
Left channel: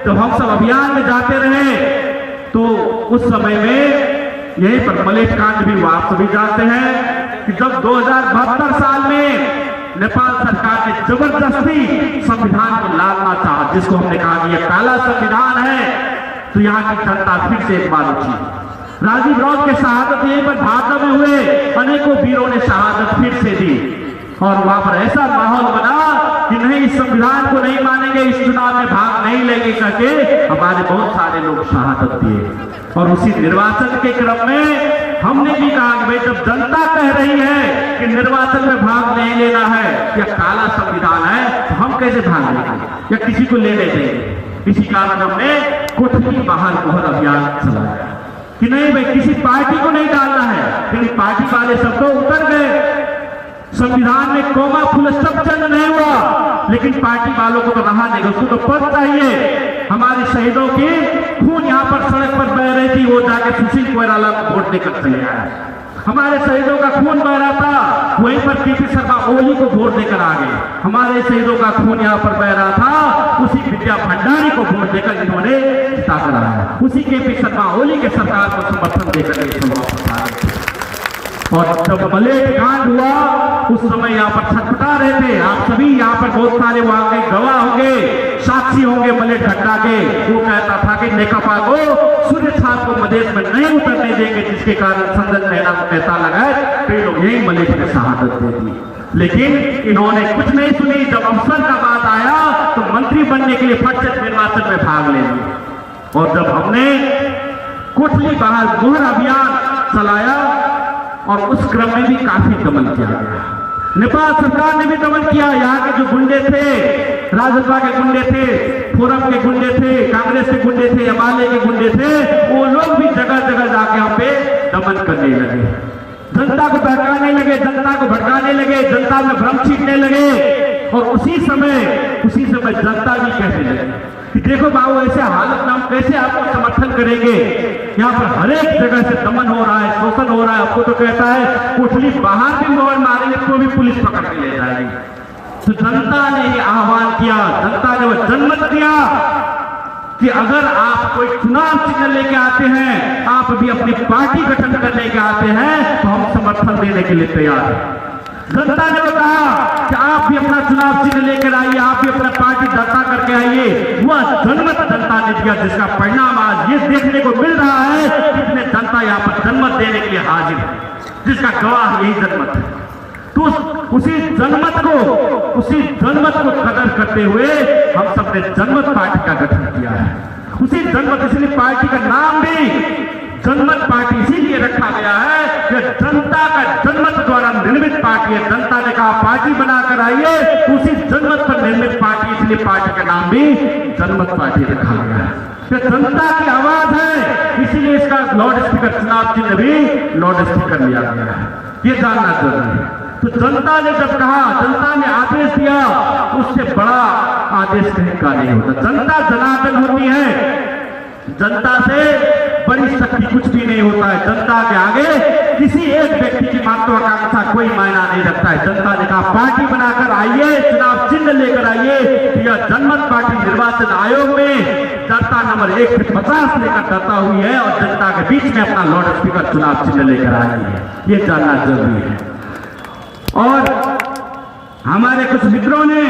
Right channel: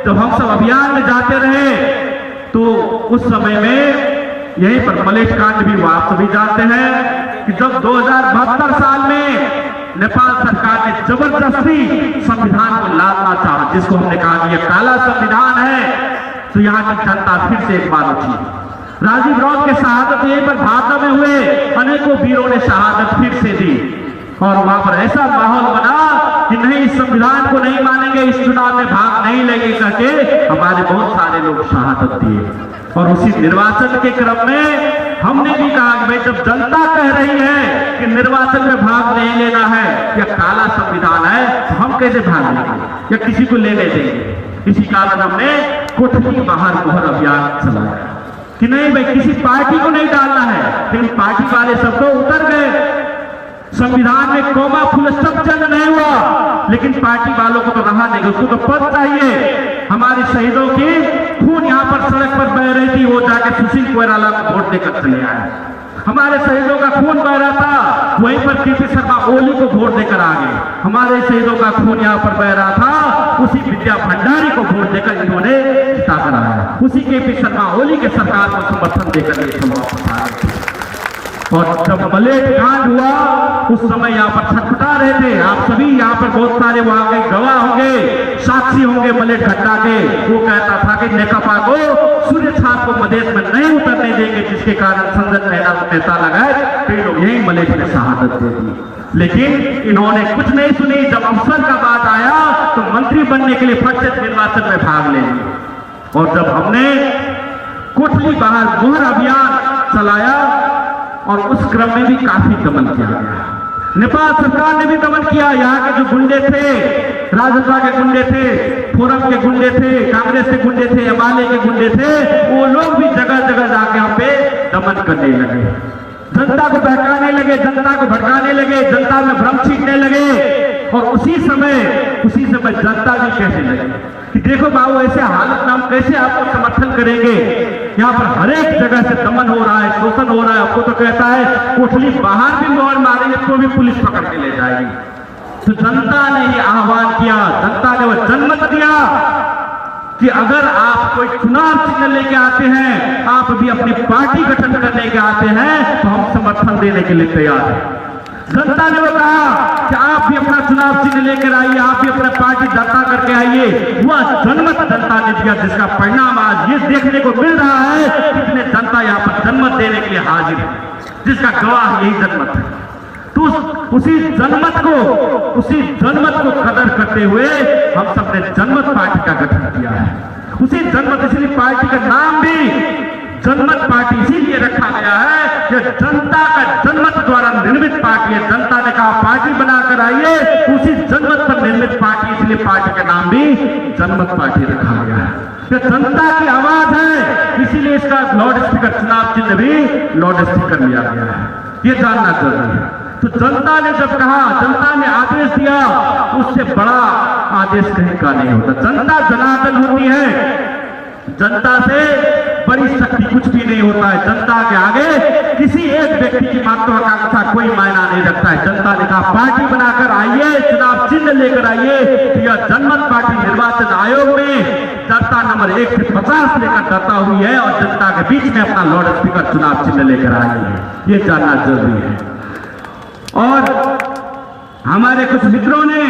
जब हम सब अभियान में जाते रहे तो उस समय में यही पर मलेश कांड भी हुआ, आप सभी जानते हैं। कि जब 2072 साल में नेपाल सरकार ने जबरदस्ती संविधान को लादना चाहा, जिसको हमने कहा कि यह काला संविधान है, तो यहाँ की जनता फिर से एक बार उठी। राजीव राव के शहादत यहीं पर भाजपा में हुए, अनेकों वीरों ने शहादत फिर से दी और वहां पर ऐसा माहौल बना कि नहीं, इस संविधान को नहीं मानेंगे, इस चुनाव में भाग नहीं लेंगे करके हमारे बहुत सारे लोग शहादत दिए। और उसी निर्वाचन के क्रम में हमने भी कहा कि भाई जब जनता कह रही है कि निर्वाचन में भाग नहीं लेना है, यह काला संविधान है, तो हम कैसे भाग लेंगे या किसी को लेने देंगे। इसी कारण हमने कोठली बाहर मोहर अभियान चलाया कि नहीं भाई किसी पार्टी को नहीं डालना है, लेकिन पार्टी वाले सब तो उतर गए। संविधान में कोमा फुल स्टॉप चल नहीं हुआ, लेकिन पार्टी वालों को तो रहा नहीं, उसको तो पद चाहिए। हमारे शहीदों की खून यहाँ पर सड़क पर बह रही थी, वो जाके सुशील कोइराला को वोट देकर चले आए। हमारे शहीदों का खून बह रहा था, वहीं पर टीपी शर्मा ओली को वोट देकर आ गए। हमारे शहीदों का खून यहाँ पर बह रहा था, उसी विद्या भंडारी को वोट देकर इन्होंने जिता कर आया, उसी टीपी शर्मा ओली के सरकार को समर्थन देकर। और जब मलेट कांड हुआ उस समय यहाँ पर छटपटा रहे थे, आप सभी यहाँ पर बहुत सारे वहां के गवाह होंगे, साक्षी होंगे मलेट घटना के। वो कहता था कि नेकपा को सूर्य छाप को मधेश में नहीं उतरने देंगे, जिसके कारण संजय मेहता लगा कई लोग यही मलेट की शहादत दे दी। लेकिन इन्होंने कुछ नहीं सुनी। जब अवसर का बात आया तो मंत्री बनने के लिए फट से निर्वाचन में भाग लेंगे। और जब हमने कोठली बाहर मोहर अभियान चलाया और उस क्रम में भी काफी दमन किया गया, नेपाल सरकार ने भी दमन किया। यहाँ के जो गुंडे थे, राजसभा के गुंडे थे, फोरम के गुंडे थे, कांग्रेस के गुंडे थे, अमाले के गुंडे थे, वो लोग भी जगह जगह जाके हम पे दमन करने लगे, जनता को बहकाने लगे, जनता को भड़काने लगे, जनता में भ्रम छींटने लगे। और उसी समय जनता भी कहने लगे कि देखो बाबू ऐसे हालत में हम कैसे आपका समर्थन करेंगे, यहाँ पर हर एक जगह से दमन हो रहा है, शोषण हो रहा है। आपको तो कहता है कोठली बाहर भी मोहर मारेंगे तो भी पुलिस पकड़ के ले जाएगी। तो जनता ने ये आह्वान किया, जनता ने वो जनमत दिया कि अगर आप कोई चुनाव चिन्ह लेके आते हैं, आप भी अपनी पार्टी गठन करने के आते हैं, तो हम समर्थन देने के लिए तैयार हैं। जनता ने कहा कि आप भी अपना चुनाव चिन्ह लेकर आइए, आप भी अपना पार्टी दर्ता करके आइए। वह जनमत जनता ने दिया, जिसका परिणाम आज ये देखने को मिल रहा है कितने जनता यहाँ पर जनमत देने के लिए हाजिर है, जिसका गवाह यही जनमत है। तो उसी जनमत को कदर करते हुए हम सबने जनमत पार्टी का गठन किया है। उसी जनमत, इसलिए पार्टी का नाम भी जनमत पार्टी इसीलिए रखा गया है कि जनता का जनमत द्वारा निर्मित पार्टी है। जनता ने कहा पार्टी बनाकर आइए, उसी जनमत पर निर्मित पार्टी, इसलिए पार्टी का नाम भी जनमत पार्टी रखा गया है। तो जनता की आवाज है, इसीलिए इसका लाउड स्पीकर चुनाव चिन्ह भी लाउड स्पीकर लिया गया है। ये जानना जरूरी है। तो जनता ने जब कहा, जनता ने आदेश दिया, उससे बड़ा आदेश कहीं का नहीं होता। जनता जनार्दन होती है, जनता से बड़ी शक्ति कुछ भी नहीं होता है। जनता के आगे किसी एक व्यक्ति की महत्वाकांक्षा कोई मायना नहीं रखता है। जनता ने कहा पार्टी बनाकर आइए, चुनाव चिन्ह लेकर आइए। यह जनमत पार्टी निर्वाचन आयोग में दर्ता नंबर 1 से 50 लेकर दर्ता हुई है और जनता के बीच में अपना लाउड स्पीकर चुनाव चिन्ह लेकर आ रही है। ये जानना जरूरी है। और हमारे कुछ मित्रों ने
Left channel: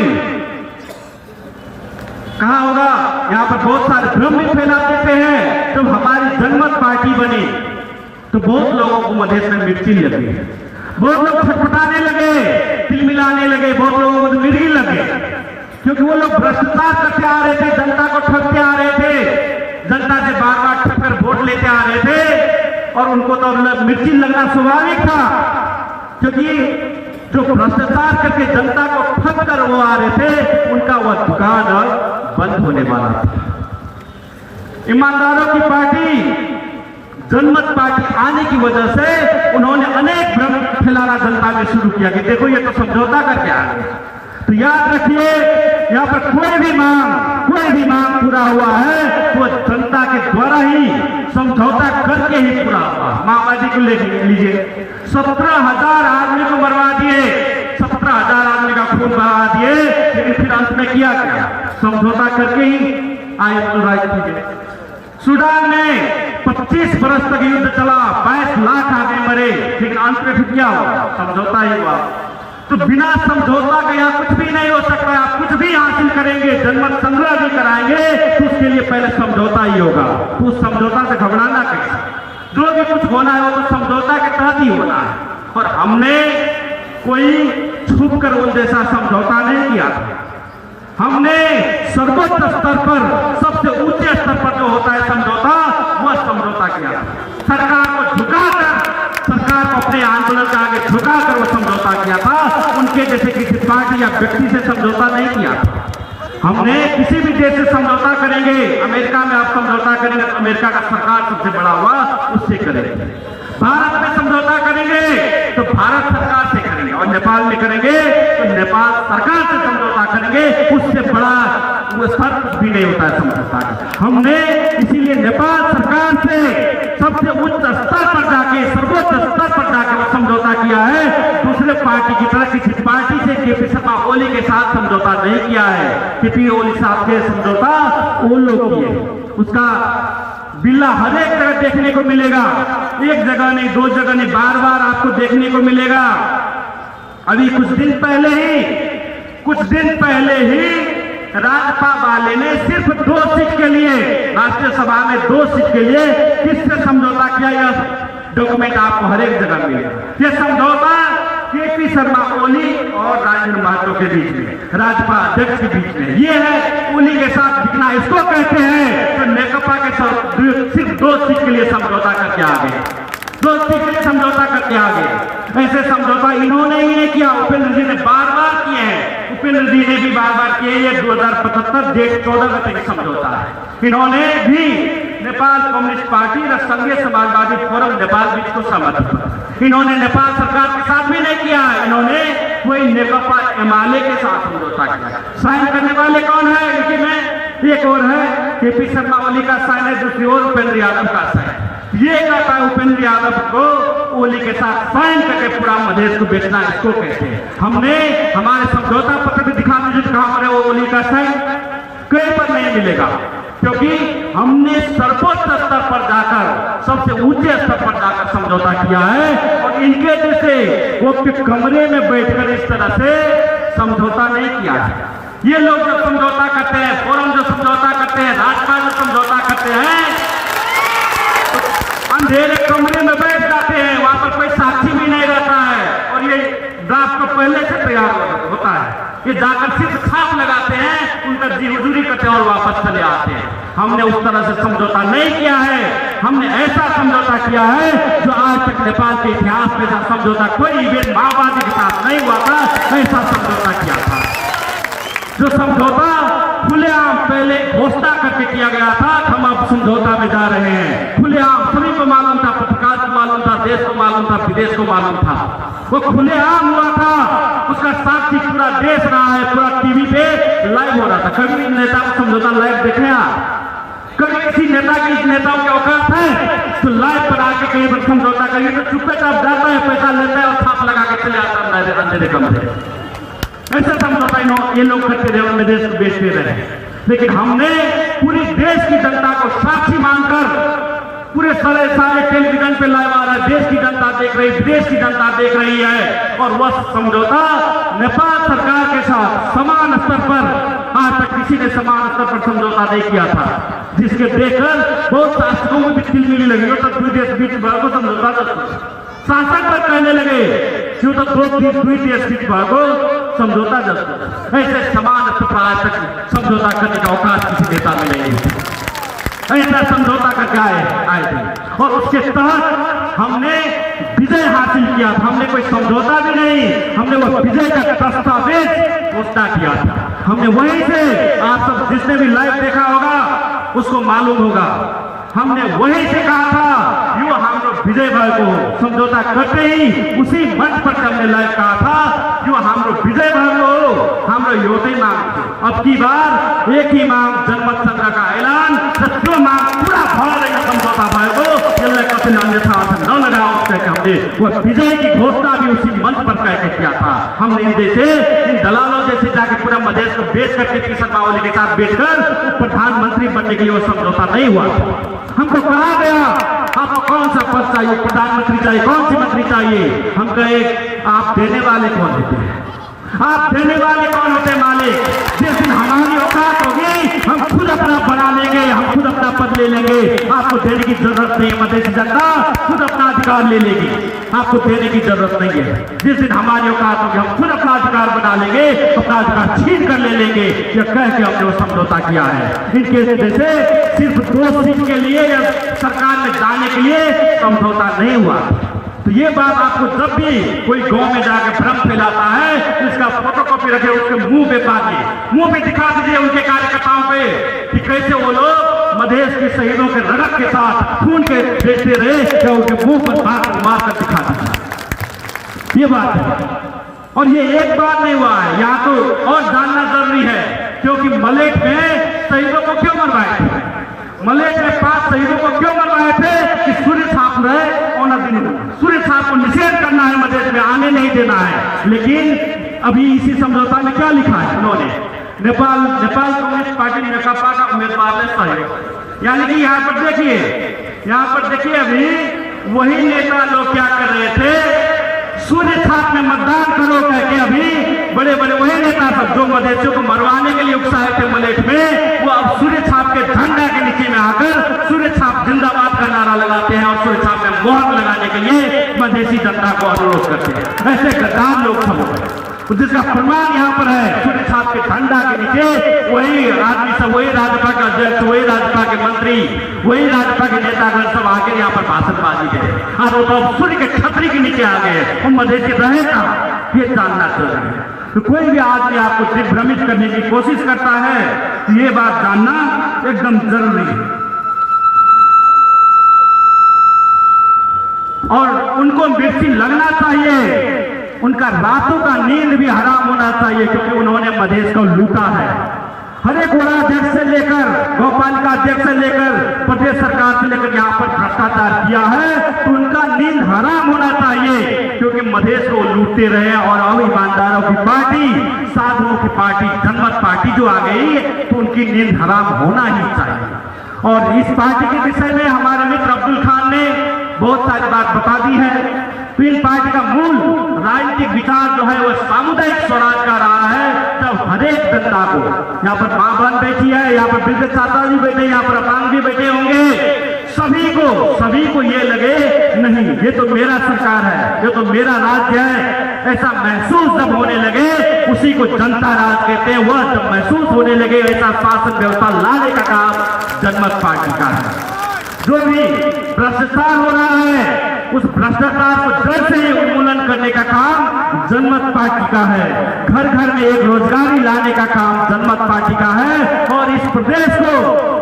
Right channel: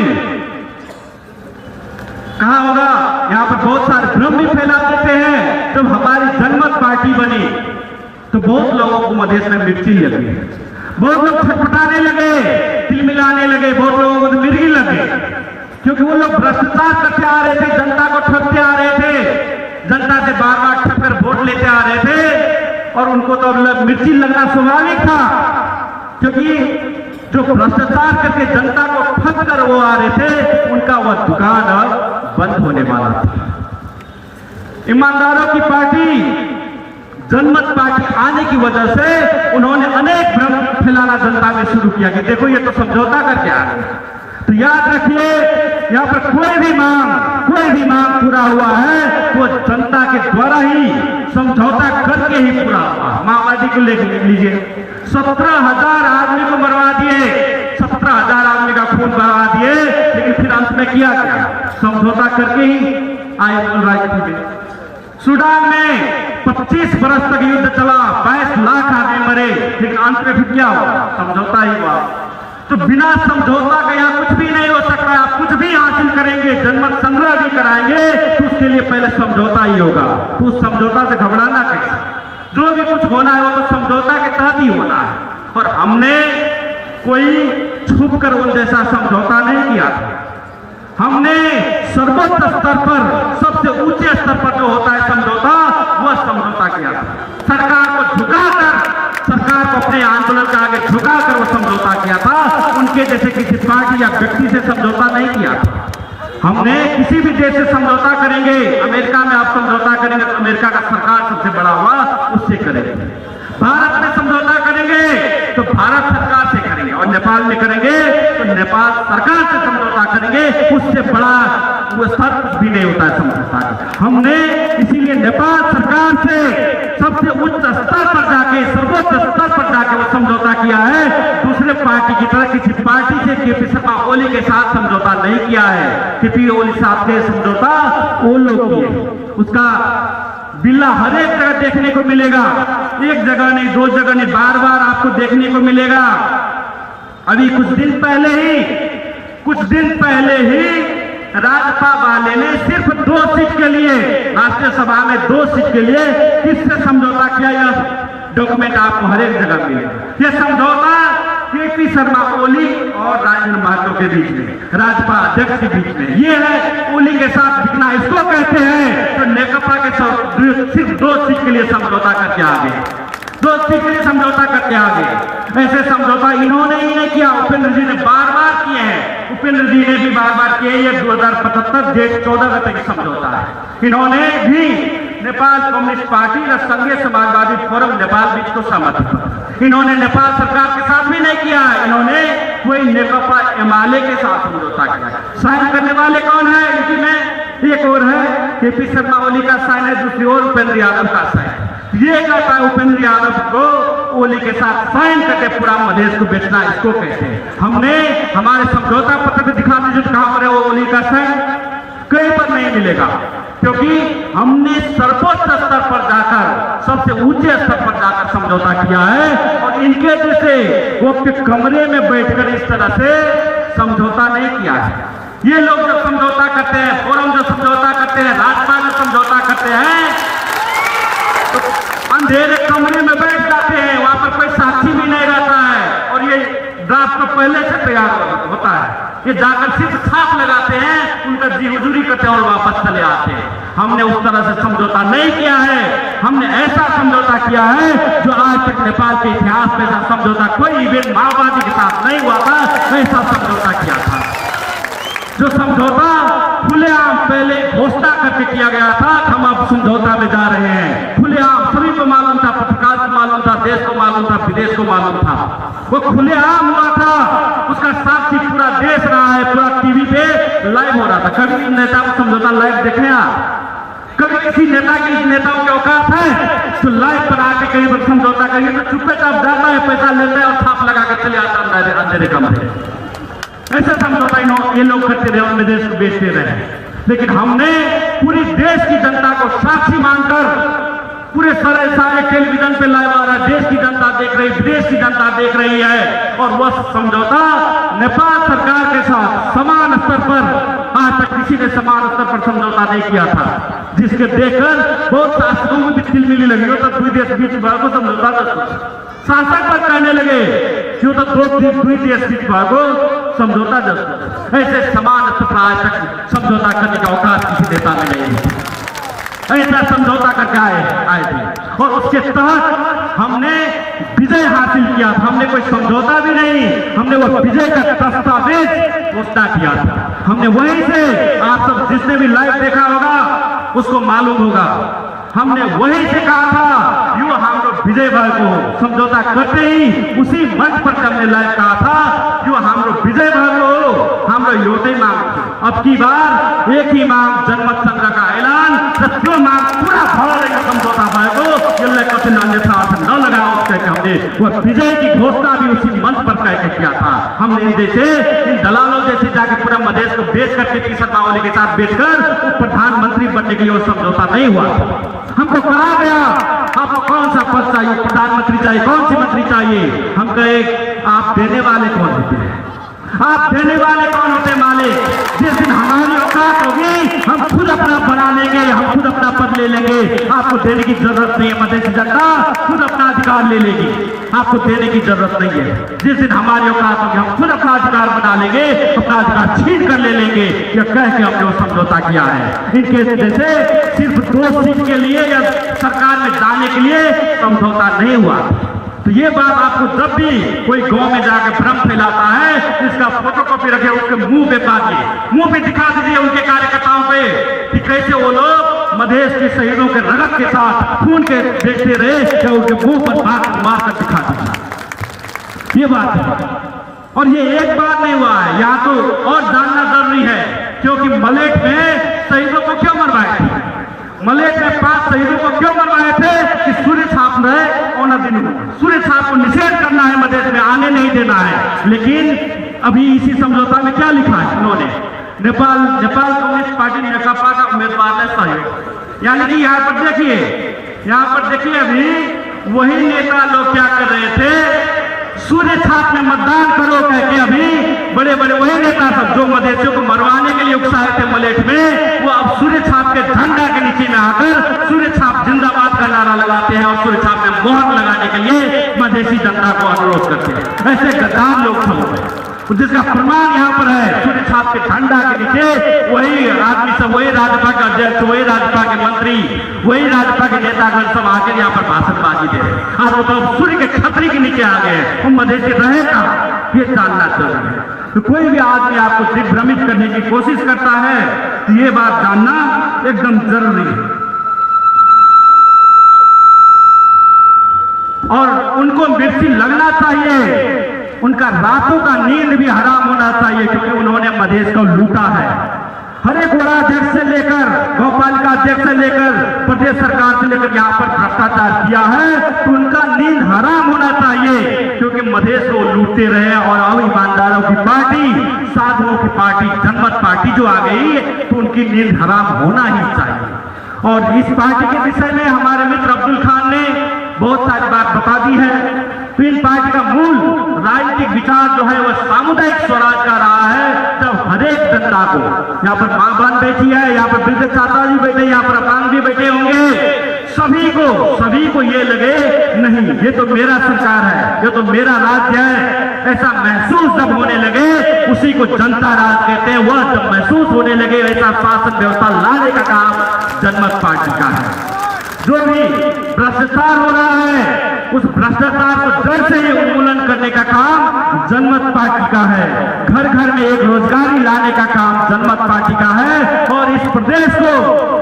कहा होगा, यहाँ पर बहुत सारे भ्रम भी फैला देते हैं। जब हमारी जनमत पार्टी बनी तो बहुत लोगों को मधेश में मिर्ची लगी, बहुत लोग छटपटाने लगे, तिल मिलाने लगे, बहुत लोगों को मिर्गी लगे, क्योंकि वो लोग भ्रष्टाचार करते आ रहे थे, जनता को ठगते आ रहे थे, जनता से बार बार ठगकर वोट लेते आ रहे थे। और उनको तो मिर्ची लगना स्वाभाविक था, क्योंकि जो भ्रष्टाचार करके जनता को ठग कर वो आ रहे थे, उनका वह दुकान बंद होने वाला था। ईमानदारों की पार्टी जनमत पार्टी आने की वजह से उन्होंने अनेक भ्रम फैलाना जनता में शुरू किया कि देखो ये तो समझौता करके आ रहे हैं। तो याद रखिए, यहाँ पर कोई भी मांग पूरा हुआ है वो जनता के द्वारा ही समझौता करके ही पूरा हुआ है। माओवादी को ले लीजिए, 17,000 आदमी को मरवा दिए, 17,000 आदमी का खून बहा दिए, लेकिन फिर अंत में किया क्या? समझौता करके ही आए मूल राजनीति में। सूडान में 25 बरस तक युद्ध चला, 22 लाख आदमी मरे, फिर अंत में फिर क्या हुआ? समझौता ही हुआ। तो बिना समझौता के यहाँ कुछ भी नहीं हो सकता। कुछ भी हासिल करेंगे, जनमत संग्रह भी कराएंगे, तो उसके लिए पहले समझौता ही होगा। तो उस समझौता से घबराना कैसे? जो भी कुछ होना है वो तो समझौता के तहत ही होना है। और हमने कोई छुप कर उन जैसा समझौता नहीं किया। हमने सर्वोच्च स्तर पर, सबसे ऊंचे स्तर पर जो होता है समझौता, वह समझौता किया। सरकार को झुकाकर, सरकार को अपने आंदोलन के आगे झुकाकर वो समझौता किया था। उनके जैसे किसी पार्टी या व्यक्ति से समझौता नहीं किया। हमने किसी भी देश से समझौता करेंगे, अमेरिका में आप समझौता करेंगे, अमेरिका का सरकार सबसे बड़ा हुआ, उससे करेंगे। भारत में समझौता करेंगे तो भारत सरकार से करेंगे, और नेपाल में करेंगे तो नेपाल सरकार से समझौता करेंगे। उससे बड़ा वो स्तर कुछ भी नहीं होता है समझौता का। हमने इसीलिए नेपाल सरकार से सबसे उच्च स्तर पर जाके, सर्वोच्च स्तर पर जाके वो समझौता किया है। दूसरे पार्टी की तरह किसी पार्टी से केपी शर्मा ओली के साथ समझौता नहीं किया है। केपी ओली साथ के समझौता वो लोग किए। उसका बिल्ला हर एक जगह देखने को मिलेगा, एक जगह नहीं, दो जगह नहीं, बार बार आपको देखने को मिलेगा। अभी कुछ दिन पहले ही राजपा वाले ने सिर्फ 2 सीट के लिए, राष्ट्रीय सभा में 2 सीट के लिए किससे समझौता किया? यह डॉक्यूमेंट आपको हर एक जगह मिलेगा। यह समझौता केपी शर्मा ओली और राजेंद्र महतो के बीच में, राजपा अध्यक्ष के बीच में। ये है ओली के साथ बिकना, इसको कहते हैं। तो नेकपा के साथ सिर्फ 2 सीट के लिए समझौता करके आ गए, 2 सीट के लिए समझौता करके आ गए। ऐसे समझौता इन्होंने ही नहीं किया, उपेंद्र जी ने बार बार किए हैं। उपेंद्र जी ने भी बार बार किए। ये 2075 डेट 14 गते समझौता है। इन्होंने भी नेपाल कम्युनिस्ट पार्टी और संघीय समाजवादी फोरम नेपाल बीच को सहमत किया। इन्होंने नेपाल सरकार के साथ भी नहीं किया। इन्होंने कोई नेकपा एमाले के साथ समझौता किया। साइन करने वाले कौन है? लेकिन एक और है केपी शर्मा ओली का साइन है, दूसरी ओर उपेंद्र यादव का साइन। ये कहता है उपेंद्र यादव को ओली के साथ साइन करके पूरा मधेश को बेचना, इसको कहते हैं। हमने हमारे समझौता पत्र को दिखा दीजिए कहां पर है वो ओली का साइन। कहीं पर नहीं मिलेगा, क्योंकि हमने सर्वोच्च स्तर पर जाकर, सबसे ऊंचे स्तर पर जाकर समझौता किया है। और इनके जैसे वो कमरे में बैठकर इस तरह से समझौता नहीं किया है। ये लोग जो समझौता करते हैं, फोरम जो समझौता करते हैं, राजपा जो समझौता करते हैं, तो अंधेरे कमरे में बैठ जाते हैं, वहां पर कोई साथी भी नहीं रहता है। और ये ड्राफ्ट तो पहले से तैयार होता है। ये जाकर सिर्फ छाप लगाते हैं, उनका जी हुजूरी करते हैं और वापस चले आते हैं। हमने उस तरह से समझौता नहीं किया है। हमने ऐसा समझौता किया है जो आज तक नेपाल के इतिहास में ऐसा समझौता कोई इवेंट माओवादी के साथ नहीं हुआ था, ऐसा समझौता किया था। जो समझौता खुलेआम पहले घोषणा करके किया गया था, हम अब समझौता में जा रहे हैं। खुलेआम सभी को मालूम था, पत्रकार को मालूम था, देश को मालूम था, विदेश को मालूम था। वो खुलेआम हुआ था, उसका साक्षी पूरा देश रहा है, पूरा टीवी पे लाइव हो रहा था। कभी नेता का समझौता लाइव देखने कभी किसी नेता के, इस नेताओं के औकात है तो लाइव पर आके कहीं पर समझौता करिए तो चुपे चाप जाता है, पैसा लेता है और छाप लगा के चले आता है अंधेरे कमरे। ऐसे समझौता ये लोग करते रहे और विदेश बेचते रहे। लेकिन हमने पूरी देश की जनता को साक्षी मानकर, पूरे सारे टेलीविजन पे लाइव आ रहा है, देश की जनता देख रही, विदेश की जनता देख रही है। और वह समझौता नेपाल सरकार के साथ समान स्तर पर, आज तक किसी ने समान स्तर पर समझौता नहीं किया था, जिसके देखकर बहुत शासकों को भी तिलमिली लगी। तो दुई देश बीच भागो समझौता, शासक पर कहने लगे जो तो दुई देश बीच भागो समझौता जब। ऐसे समान स्तर पर आज तक समझौता करने का अवकाश किसी नेता में नहीं है। ऐसा समझौता करके आए थे और उसके तहत हमने विजय हासिल किया था। हमने कोई समझौता भी नहीं, हमने वो विजय का दस्तावेज घोषणा किया था। हमने वहीं से, आप सब जिसने भी लाइव देखा होगा उसको मालूम होगा, हमने वहीं से कहा था यो हम लोग विजय भाई को समझौता करते ही उसी मंच पर हमने लाइव कहा था जो हम लोग विजय भाई को हम लोग योटे मांगते। अब की बार एक ही मांग, जनमत संग्रह का ऐलान, जो मांग पूरा भरा रही समझौता भाई को न लगा उससे हमने वो विजय की घोषणा भी उसी मंच पर कह किया था। हमने इन जैसे, इन दलालों जैसे जाके पूरा मधेश को बेच करके केपी शर्मा ओली के साथ बेचकर प्रधानमंत्री बनने के लिए वो समझौता नहीं हुआ। हमको कहा गया आपको कौन सा पद चाहिए, प्रधानमंत्री चाहिए, कौन सी मंत्री चाहिए? हम कहे आप देने वाले कौन होते हैं? आप देने वाले कौन होते हैं मालिक? जिस दिन हमारी औकात होगी हम खुद अपना बना लेंगे, हम खुद अपना पद ले लेंगे। आपको देने की जरूरत नहीं है, मधेसी जनता खुद अपना अधिकार ले लेगी, आपको देने की जरूरत नहीं है। जिस दिन हमारी औकात होगी हम खुद अपना अधिकार बना लेंगे, अपना अधिकार छीन कर ले लेंगे। यह कह के हमने समझौता किया है। इनके जैसे सिर्फ 2 सीट के लिए या सरकार में जाने के लिए समझौता नहीं हुआ। तो ये बात आपको जब भी कोई गांव में जाकर भ्रम फैलाता है, इसका फोटोकॉपी रखे, उसके मुंह पे काटिए, मुंह पे दिखा दीजिए उनके कार्यकर्ताओं पे कि कैसे वो लोग मधेश के शहीदों के रगत के साथ खून के देखते रहे, या उनके मुंह पर मार कर दिखा दीजिए। ये बात है। और ये एक बार नहीं हुआ है, यहाँ तो और जानना जरूरी है, क्योंकि मलेट में शहीदों को क्यों मरवाए थे? मलेट में 5 शहीदों को क्यों मरवाए थे? कि सूर्य छाप रहे और सूर्य छाप को निषेध करना है, मधेश में आने नहीं देना है। लेकिन अभी इसी समझौता में क्या लिखा है उन्होंने? नेपाल कम्युनिस्ट पार्टी नेकपा का उम्मीदवार है सही। यानी कि यहाँ पर देखिए अभी वही नेता लोग क्या कर रहे थे, सूर्य छाप में मतदान करो कह के अभी बड़े बड़े वही नेता सब जो मधेसियों को मरवाने के लिए उकसाए थे मलेट में, वो अब सूर्य छाप के झंडा के नीचे में आकर सूर्य छाप जिंदाबाद का नारा लगाते हैं और सूर्य छाप में मोहर लगाने के लिए मधेसी जनता को अनुरोध करते हैं। ऐसे गद्दार लोग सब, जिसका प्रमाण यहाँ पर है, सूर्य छाप के झंडा के नीचे वही आदमी सब, वही राजपा के अध्यक्ष, वही राजपा के मंत्री, वही राजपा के नेतागण सब आकर यहाँ पर भाषणबाजी दे और तो सूर्य के छतरी के नीचे आ गए। हम मधेसी रहे ना, ये जानना चाहिए। तो कोई भी आदमी आपको दिग्भ्रमित करने की कोशिश करता है, ये बात जानना एकदम जरूरी है। और उनको मिर्ची लगना चाहिए, उनका रातों का नींद भी हराम होना चाहिए, क्योंकि उन्होंने मधेश को लूटा है। हर एक अध्यक्ष से लेकर गौपालिका अध्यक्ष से लेकर प्रदेश सरकार से लेकर यहाँ पर भ्रष्टाचार किया है, तो उनका नींद हराम होना चाहिए, क्योंकि मधेश को लूटते रहे। और अब ईमानदारों की पार्टी, साधुओं की पार्टी, जनमत पार्टी जो आ गई, तो उनकी नींद हराम होना ही चाहिए। और इस पार्टी के विषय में हमारे मित्र अब्दुल खान ने बहुत सारी बात बता दी है। तो इन पार्टी का मूल राजनीतिक विचार जो है वह सामुदायिक स्वराज का रहा है। जब हरेक जनता को, यहाँ पर मां बहन बैठी है, यहाँ पर वृद्ध चाचा जी बैठे, यहाँ पर अपांग भी बैठे होंगे, सभी को ये लगे नहीं ये तो मेरा सरकार है, ये तो मेरा राज्य है, ऐसा महसूस जब होने लगे, उसी को जनता राज कहते हैं। वह जब महसूस होने लगे, ऐसा शासन व्यवस्था लाने का काम जनमत पार्टी का है। जो भी भ्रष्टाचार हो रहा है, उस भ्रष्टाचार को जड़ से ही उन्मूलन करने का काम जनमत पार्टी का है। घर घर में एक रोजगारी लाने का काम जनमत पार्टी का है। और इस प्रदेश को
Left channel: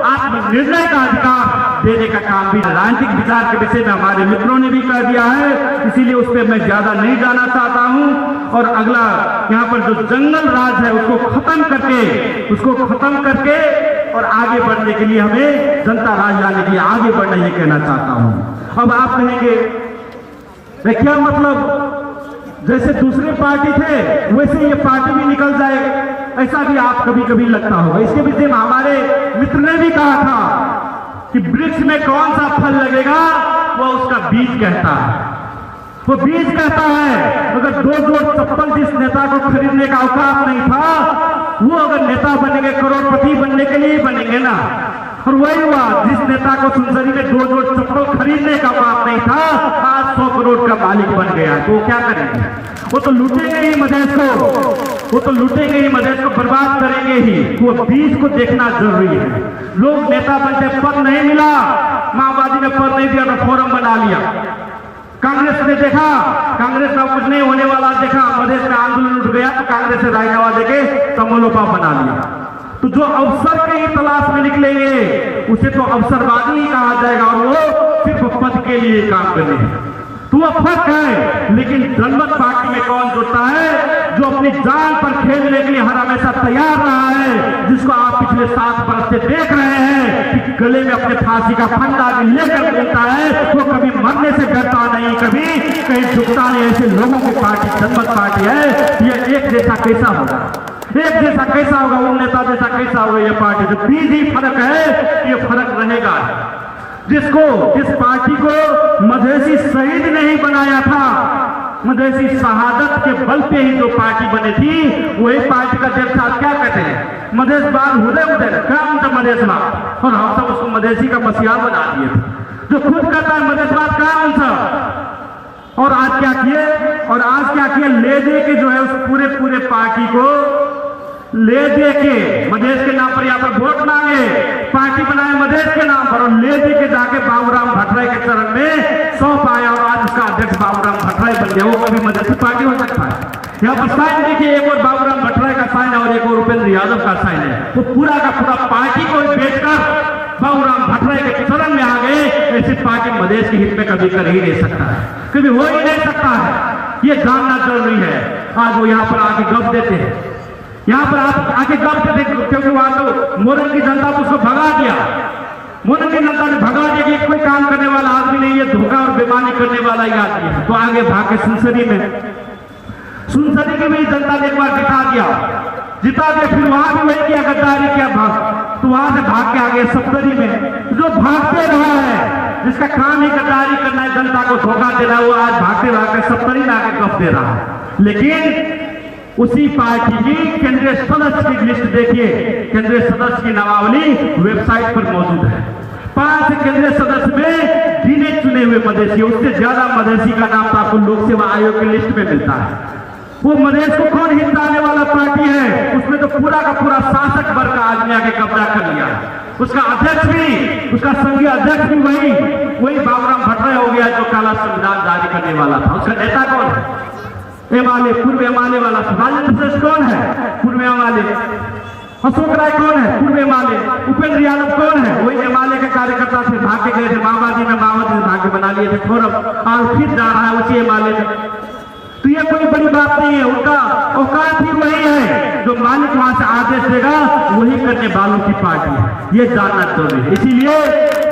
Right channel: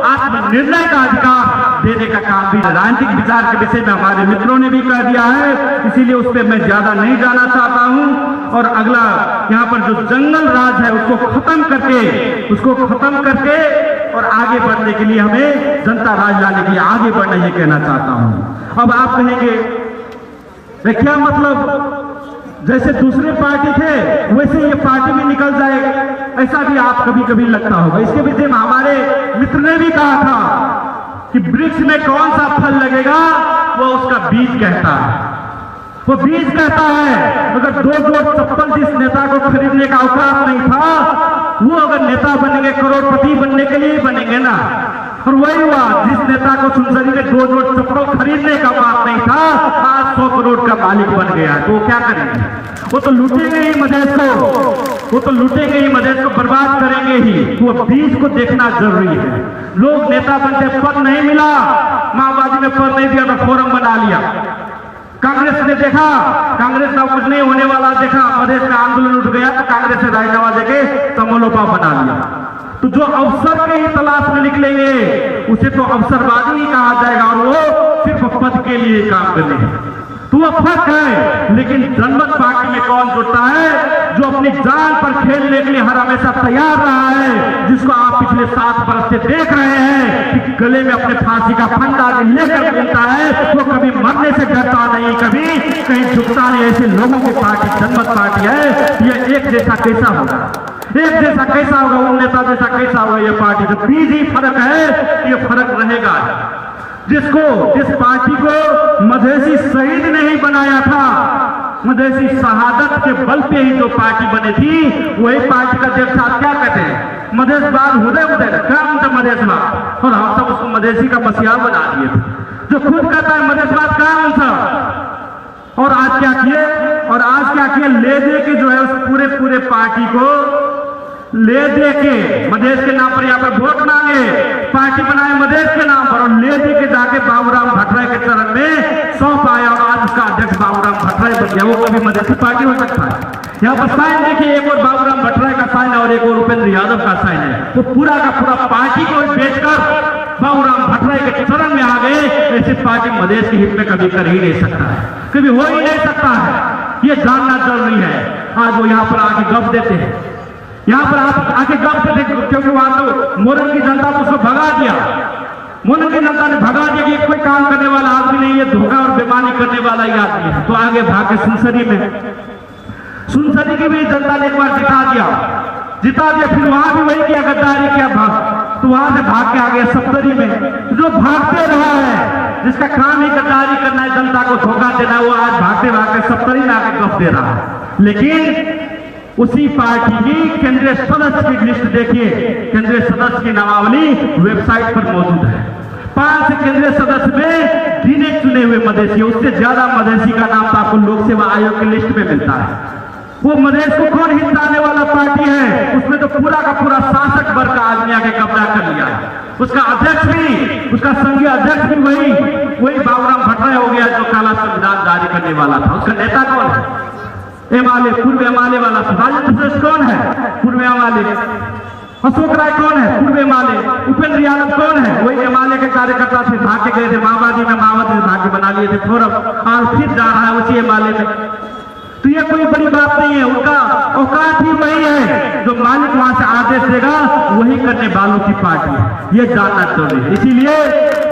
आत्मनिर्णय का अधिकार देने का काम भी राजनीतिक विचार के विषय में हमारे मित्रों ने भी कह दिया है, इसीलिए उस पर मैं ज्यादा नहीं जाना चाहता हूं। और अगला यहाँ पर जो जंगल राज है उसको खत्म करके और आगे बढ़ने के लिए हमें जनता राज लाने के लिए आगे बढ़ना, ये कहना चाहता हूं। अब आप कहेंगे क्या मतलब, जैसे दूसरे पार्टी थे वैसे ये पार्टी भी निकल जाएगा, ऐसा भी आप कभी कभी लगता होगा। इसके विषय में हमारे मित्र ने भी कहा था कि वृक्ष में कौन सा फल लगेगा वो उसका बीज कहता है, वो बीज कहता है। अगर 2 जोड़ चप्पल जिस नेता को खरीदने का औकात नहीं था, वो अगर नेता बनेंगे, करोड़पति बनने के लिए बनेंगे ना। और वही हुआ, जिस नेता को सुनसरी में 2 जोड़ चप्पल खरीदने का बात नहीं था, आज 100 करोड़ का मालिक बन गया। तो वो क्या करेंगे? वो तो लूटेंगे ही मधेश को, बर्बाद करेंगे ही। वो बीज को देखना जरूरी है। लोग नेता बनते, पद नहीं मिला, माओवादी ने पद नहीं दिया तो फोरम बना लिया। कांग्रेस ने देखा, कांग्रेस का कुछ नहीं होने वाला देखा, मधेश का आंदोलन उठ गया तो कांग्रेस से रायनवा देके कमलोपा बना लिया। तो जो अवसर के तलाश में निकलेंगे उसे तो अवसरवादी ही कहा जाएगा, और वो सिर्फ पद के लिए काम करेंगे। तो वो फर्क है। लेकिन जनमत पार्टी में कौन जुड़ता है? जो अपनी जान पर खेलने के लिए हर हमेशा तैयार रहा है, जिसको आप पिछले 7 वर्ष से देख रहे हैं कि गले में अपने फांसी का फंदा लेकर घूमता है, वो कभी मरने से डरता नहीं, कभी कहीं झुकता नहीं। ऐसे लोगों की पार्टी जनमत पार्टी है। यह एक जैसा कैसा होगा, उन नेता जैसा कैसा होगा ये पार्टी? जो बीज ही फर्क है, ये फर्क रहेगा। जिस पार्टी को मधेसी शहीद ने ही बनाया था, मधेसी शहादत के बल पे ही जो पार्टी बनी थी, वही पार्टी का अध्यक्ष साहब क्या कहते हैं, मधेशवाद हृदय काम था मधेशवाद, और हम सब उसको मधेसी का मसीहा बना दिए थे। जो खुद कहता है मधेशवाद काम था, और आज क्या किए, ले दे के जो है उस पूरे पार्टी को ले दे के मधेश के नाम पर यहाँ पर वोट मांगे, पार्टी बनाए मधेश के नाम पर, और ले दे के जाके बाबूराम भट्टराय के चरण में सौंप आया, और आज उसका अध्यक्ष बाबूराम भट्टराय बन गया। वो कभी मधेसी पार्टी हो सकता है। यहाँ पर साइन देखिए, एक और बाबूराम भट्टराय का साइन और एक और उपेंद्र यादव का साइन है। तो पूरा का पूरा पार्टी को बेचकर बाबूराम भट्टराय के चरण में आ गए। ऐसी पार्टी मधेश के हित में कभी कर ही नहीं सकता है, कभी हो ही नहीं सकता है। ये जानना जरूरी है। आज वो यहाँ पर आके गप देते हैं, यहाँ पर आप आके गप देते, क्योंकि वहां तो मोरन की जनता तो उसको भगा दिया, मोरन की जनता ने भगा दिया कि कोई काम करने वाला आदमी नहीं, ये धोखा और बेईमानी करने वाला ही आदमी है। तो आगे भागे सुनसरी की भी जनता ने एक बार जिता दिया, फिर वहां भी वही किया, गद्दारी किया, तो वहां से भाग के आ गए सप्तरी में। जो भागते रहा है, जिसका काम ही गद्दारी करना है, जनता को धोखा देना है, वो आज भागते सप्तरी में आके गप दे रहा है। लेकिन उसी पार्टी की केंद्रीय सदस्य की लिस्ट देखिए, केंद्रीय सदस्य की नामावली वेबसाइट पर मौजूद है। 5 केंद्रीय सदस्य में गिने चुने हुए मधेसी, उससे ज्यादा मधेसी का नाम आपको लोक सेवा आयोग की लिस्ट में मिलता है। वो मधेश को कौन हिलाने वाला पार्टी है, उसमें तो पूरा का पूरा शासक वर्ग का आदमी आके कब्जा कर लिया। उसका अध्यक्ष भी, उसका संघीय अध्यक्ष भी वही बाबूराम भट्टराय हो गया, जो काला संविधान जारी करने वाला था। उसका नेता कौन है? एमाले, पूर्व एमाले वाला सुभाष श्रेष्ठ कौन है? पूर्व एमाले। अशोक राय कौन है? पूर्व एमाले। उपेंद्र यादव कौन है? वही एमाले के कार्यकर्ता थे, भाग के गए थे माओवादी में, माओवादी ने भाग्य बना लिए थे फोरम, और फिर जा रहा है उसी एमाले में। तो ये कोई बड़ी बात नहीं है, उनका औकात ही वही है, जो मालिक वहां से आदेश देगा वही करने वालों की पार्टी है, ये जानना जरूरी है। इसीलिए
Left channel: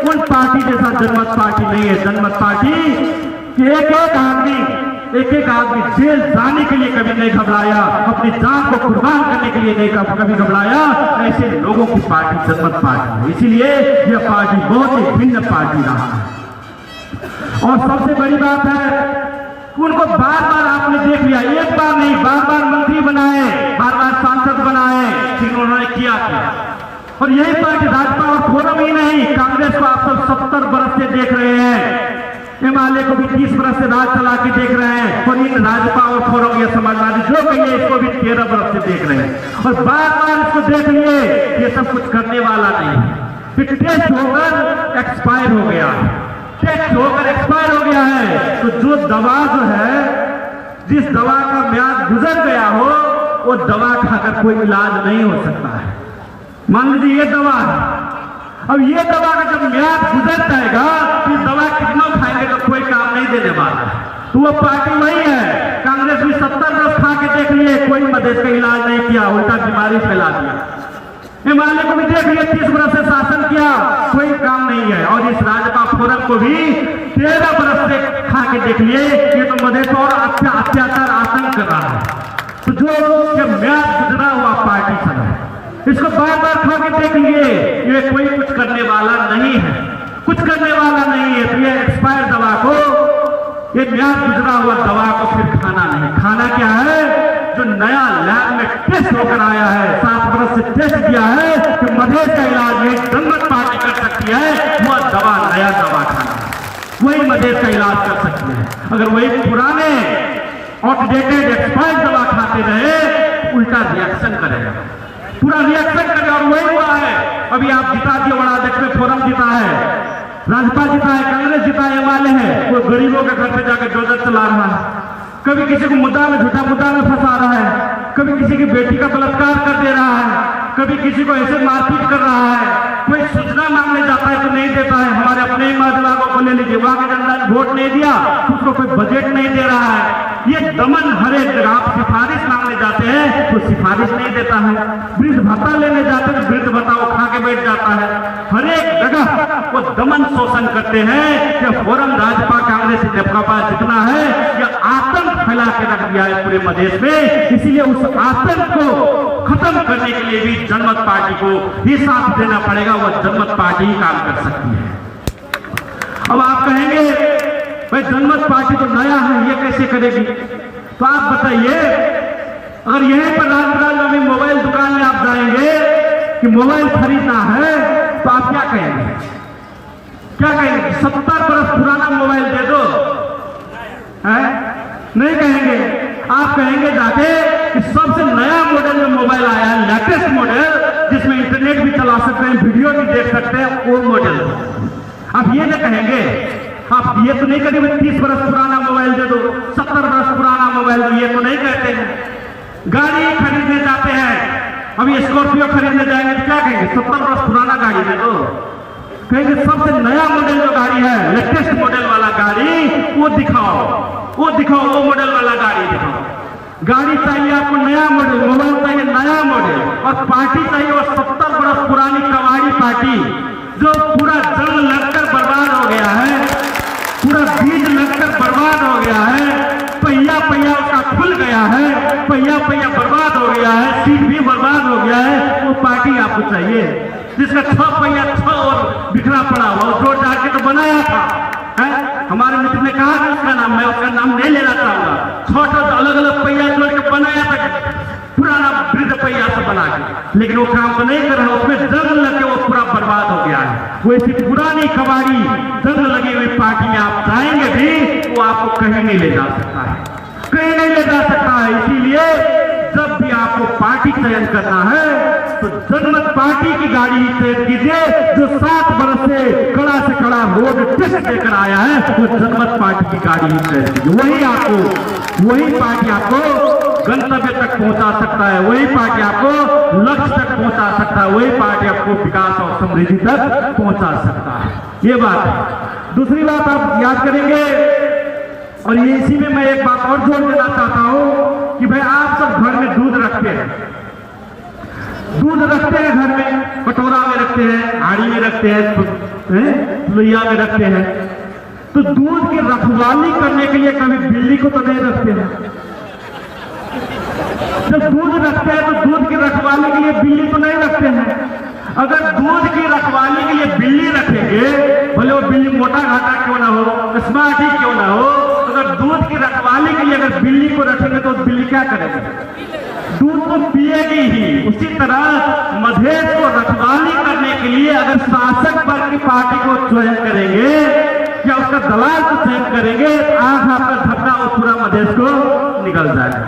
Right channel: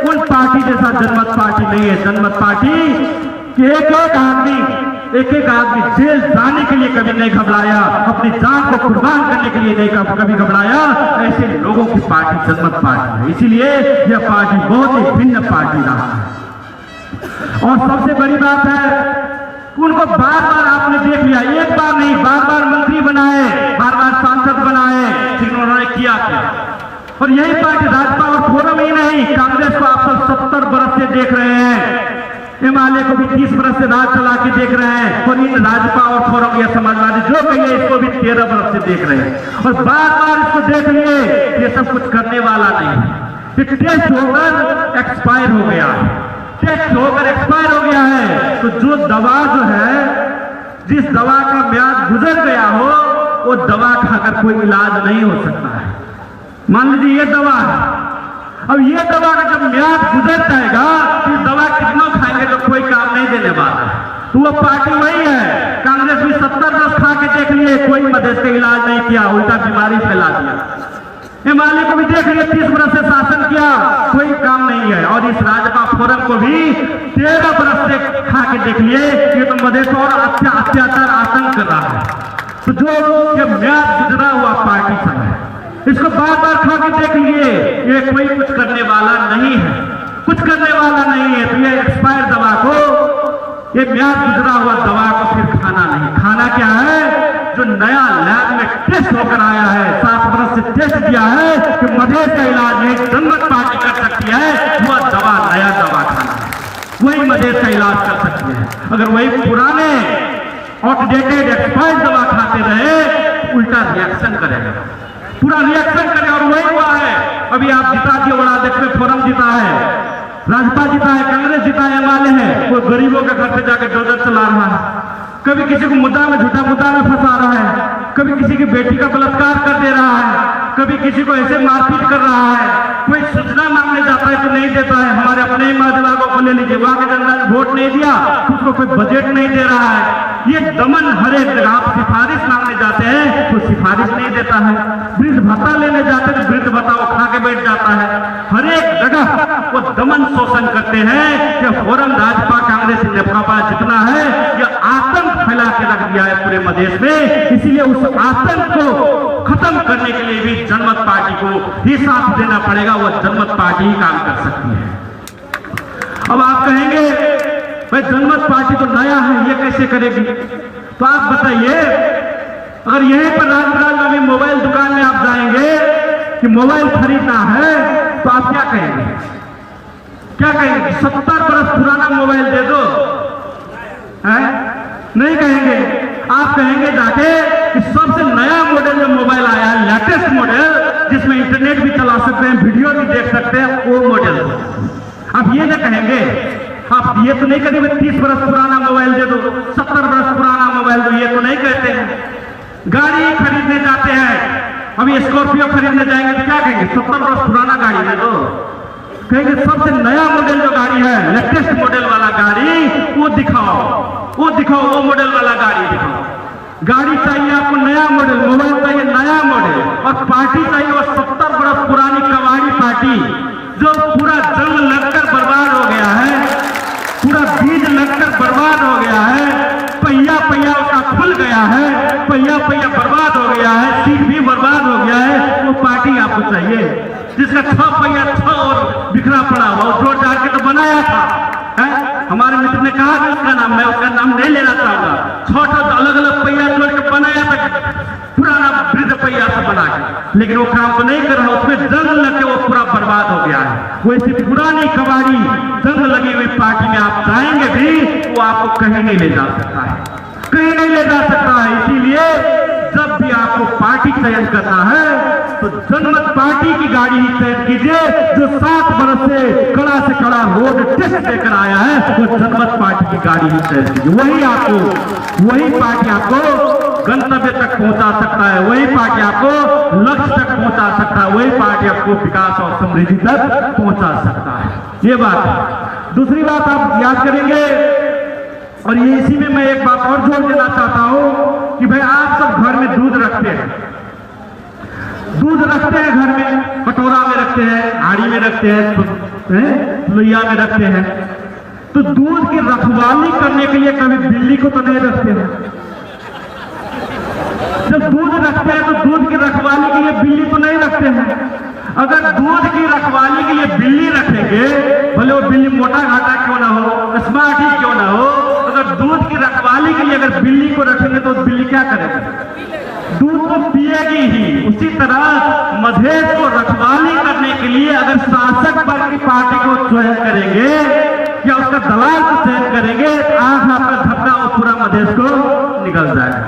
उन पार्टी जैसा जनमत पार्टी नहीं है। जनमत पार्टी एक एक आदमी जेल जाने के लिए कभी नहीं घबराया, अपनी जान को कुर्बान करने के लिए नहीं कभी घबराया, ऐसे लोगों की पार्टी जनमत पार्टी है। इसीलिए यह पार्टी बहुत ही भिन्न पार्टी रहा है। और सबसे बड़ी बात है, उनको बार बार आपने देख लिया, एक बार नहीं, बार बार मंत्री बनाए, बार बार सांसद बनाए, जिन्होंने उन्होंने किया था। और यही पार्टी भाजपा और फोरम ही नहीं, कांग्रेस को आप सब 70 बरस से देख रहे हैं, एमआलए को भी 30 बरस से राज चला के देख रहे हैं, और इन भाजपा और फोरम या समाजवादी जो कहिए इसको भी 13 बरस से देख रहे हैं। और बार बार इसको देख लिए, ये सब कुछ करने वाला नहीं। टेस्ट होकर एक्सपायर हो गया, टेस्ट होकर एक्सपायर हो गया है। तो जो दवा जो है, जिस दवा का म्याद गुजर गया हो, वो दवा का अगर कोई इलाज नहीं हो सकता है। मान लीजिए ये दवा है, अब ये दवा का जब म्याद गुजर जाएगा, तो दवा कितना खाएंगे तो कोई काम नहीं देने वाला। तो वो पार्टी वही है। कांग्रेस भी 70 वर्ष खा के देख लिए, कोई मधेश का इलाज नहीं किया, उल्टा बीमारी फैला दिया। एमआलए को भी देख लिए, 30 वर्ष से शासन किया, कोई काम नहीं है। और इस भाजपा फोरम को भी 13 वर्ष से खा के देख लिए कि तो मधेश और अत्याचार आतंक कर रहा है। तो जो म्याद गुजरा हुआ पार्टी सब है, इसको बार बार खा के देख लिए, ये कोई कुछ करने वाला नहीं है, कुछ करने वाला नहीं है। तो ये एक्सपायर दवा को, ये म्याद गुजरा हुआ दवा को फिर खाना नहीं। खाना क्या है? जो नया लैब में टेस्ट होकर आया है, 7 वर्ष से टेस्ट दिया है कि मधेश का इलाज ये जनमत पार्टी कर सकती है, वो दवा नया दवा खाना, वही मधेश का इलाज कर सकते हैं। अगर वही पुराने आउटडेटेड एक्सपायर्ड दवा खाते रहे, उल्टा रिएक्शन करेंगे, पूरा रिएक्शन करे। और वही हुआ है। अभी आप जिता दिए, बड़ा अध्यक्ष में फोरम जीता है, राजपा जीता है, कांग्रेस जीता है, एमआलए है, वो गरीबों के घर पे जाकर डोजर चला रहा है, कभी किसी को मुद्दा में, झूठा मुद्दा में फंसा रहा है, कभी किसी की बेटी का बलात्कार कर दे रहा है, कभी किसी को ऐसे मारपीट कर रहा है, कोई सूचना मांगने जाता है तो नहीं देता है। हमारे अपने ही महाजन को ले लीजिए, वहां के जनता ने वोट नहीं दिया, उसको कोई बजट नहीं दे रहा है। ये दमन हर एक जगह, आप सिफारिश मांगने जाते हैं तो सिफारिश नहीं देता है, वृद्ध भत्ता लेने जाते हैं वृद्ध भत्ता उठा के बैठ जाता है। हर एक जगह वो दमन शोषण करते हैं। कि फोरम, भाजपा, कांग्रेस, जपा जितना है, ये आतंक फैला के रख दिया है पूरे मधेश में। इसीलिए उस आतंक को खत्म करने के लिए भी जनमत पार्टी को ही साथ देना पड़ेगा, वो जनमत पार्टी ही काम कर सकती है। अब आप कहेंगे भाई जनमत पार्टी तो नया है, ये कैसे करेगी? तो आप बताइए, अगर यहीं पर राजनांदगांव में मोबाइल दुकान में आप जाएंगे कि मोबाइल खरीदना है, तो आप क्या कहेंगे? क्या कहेंगे? 70 बरस पुराना मोबाइल दे दो, है? नहीं कहेंगे। आप कहेंगे जाके कि सबसे नया मॉडल में मोबाइल आया है, लेटेस्ट मॉडल, जिसमें इंटरनेट भी चला सकते हैं, वीडियो भी देख सकते हैं, वो मॉडल। आप ये ना कहेंगे, आप ये तो नहीं कहेंगे 30 बरस पुराना मोबाइल दे दो, 70 बरस पुराना मोबाइल दो, ये तो नहीं कहते हैं। गाड़ी खरीदने जाते हैं, अभी स्कॉर्पियो खरीदने जाएंगे तो क्या कहेंगे? 70 बरस पुराना गाड़ी दे दो। कहेंगे सबसे नया मॉडल जो गाड़ी है, लेटेस्ट मॉडल वाला गाड़ी, वो दिखाओ, वो दिखाओ, वो मॉडल वाला गाड़ी दिखाओ। गाड़ी चाहिए आपको नया मॉडल, मोबाइल चाहिए नया मॉडल, और पार्टी चाहिए और 70 बरस पुरानी कबाड़ी पार्टी, जो पूरा जंग लगकर बर्बाद हो गया है, पूरा बीज लगकर बर्बाद हो गया है, पहिया पहिया उसका खुल गया है, पहिया पहिया बर्बाद हो गया है, सीट भी बर्बाद हो गया है। वो पार्टी आपको चाहिए जिसका 6 पहिया 6 और बिखरा पड़ा हुआ, जोड़ जाड़ के तो बनाया था, है? हमारे मित्र ने कहा कि उसका नाम, मैं उसका नाम नहीं लेना चाहूंगा, छोटे अलग अलग पहिया जोड़ के बनाया था, पुराना वृद्ध पहिया से बना के, लेकिन वो काम तो नहीं कर रहा, उसमें जंग लग के वो पूरा बर्बाद हो गया है। वो ऐसी पुरानी कबाड़ी जंग लगी हुई पार्टी में आप जाएंगे भी, वो आपको कहीं नहीं ले जा सकता है, कहीं नहीं ले जा सकता है। इसीलिए जब भी आपको पार्टी चयन करना है तो जनमत पार्टी की गाड़ी ही चयन कीजिए, जो 7 बरस से कड़ा रोड टेस्ट देकर आया है, वो जनमत पार्टी की गाड़ी ही चयन कीजिए। वही पार्टी आपको गंतव्य तक पहुंचा सकता है, वही पार्टी आपको लक्ष्य तक पहुंचा सकता है, वही पार्टी आपको विकास और समृद्धि तक पहुंचा सकता है। ये बात है। दूसरी बात आप याद करेंगे, और ये इसी में मैं एक बात और जोड़ देना चाहता हूं कि भाई आप सब घर में दूध रखते हैं, घर में, कटोरा में रखते हैं, हाड़ी में रखते हैं, लोहिया में रखते हैं। तो दूध की रखवाली करने के लिए कभी बिल्ली को तो नहीं रखते हैं। जब दूध रखते हैं तो दूध की रखवाली के लिए बिल्ली तो नहीं रखते हैं। अगर दूध की रखवाली के लिए बिल्ली रखेंगे, भले वो बिल्ली मोटा घाटा क्यों ना हो, स्मार्ट ही क्यों ना हो, अगर दूध की रखवाली के लिए अगर बिल्ली को रखेंगे तो बिल्ली क्या करेगी? दूध को पिएगी ही। उसी तरह मधेश को रखवाली करने के लिए अगर शासक वर्ग की पार्टी को चयन करेंगे या उसका दलाल को चयन करेंगे, आंख आपका झपका और पूरा मधेश को निकल जाएगा,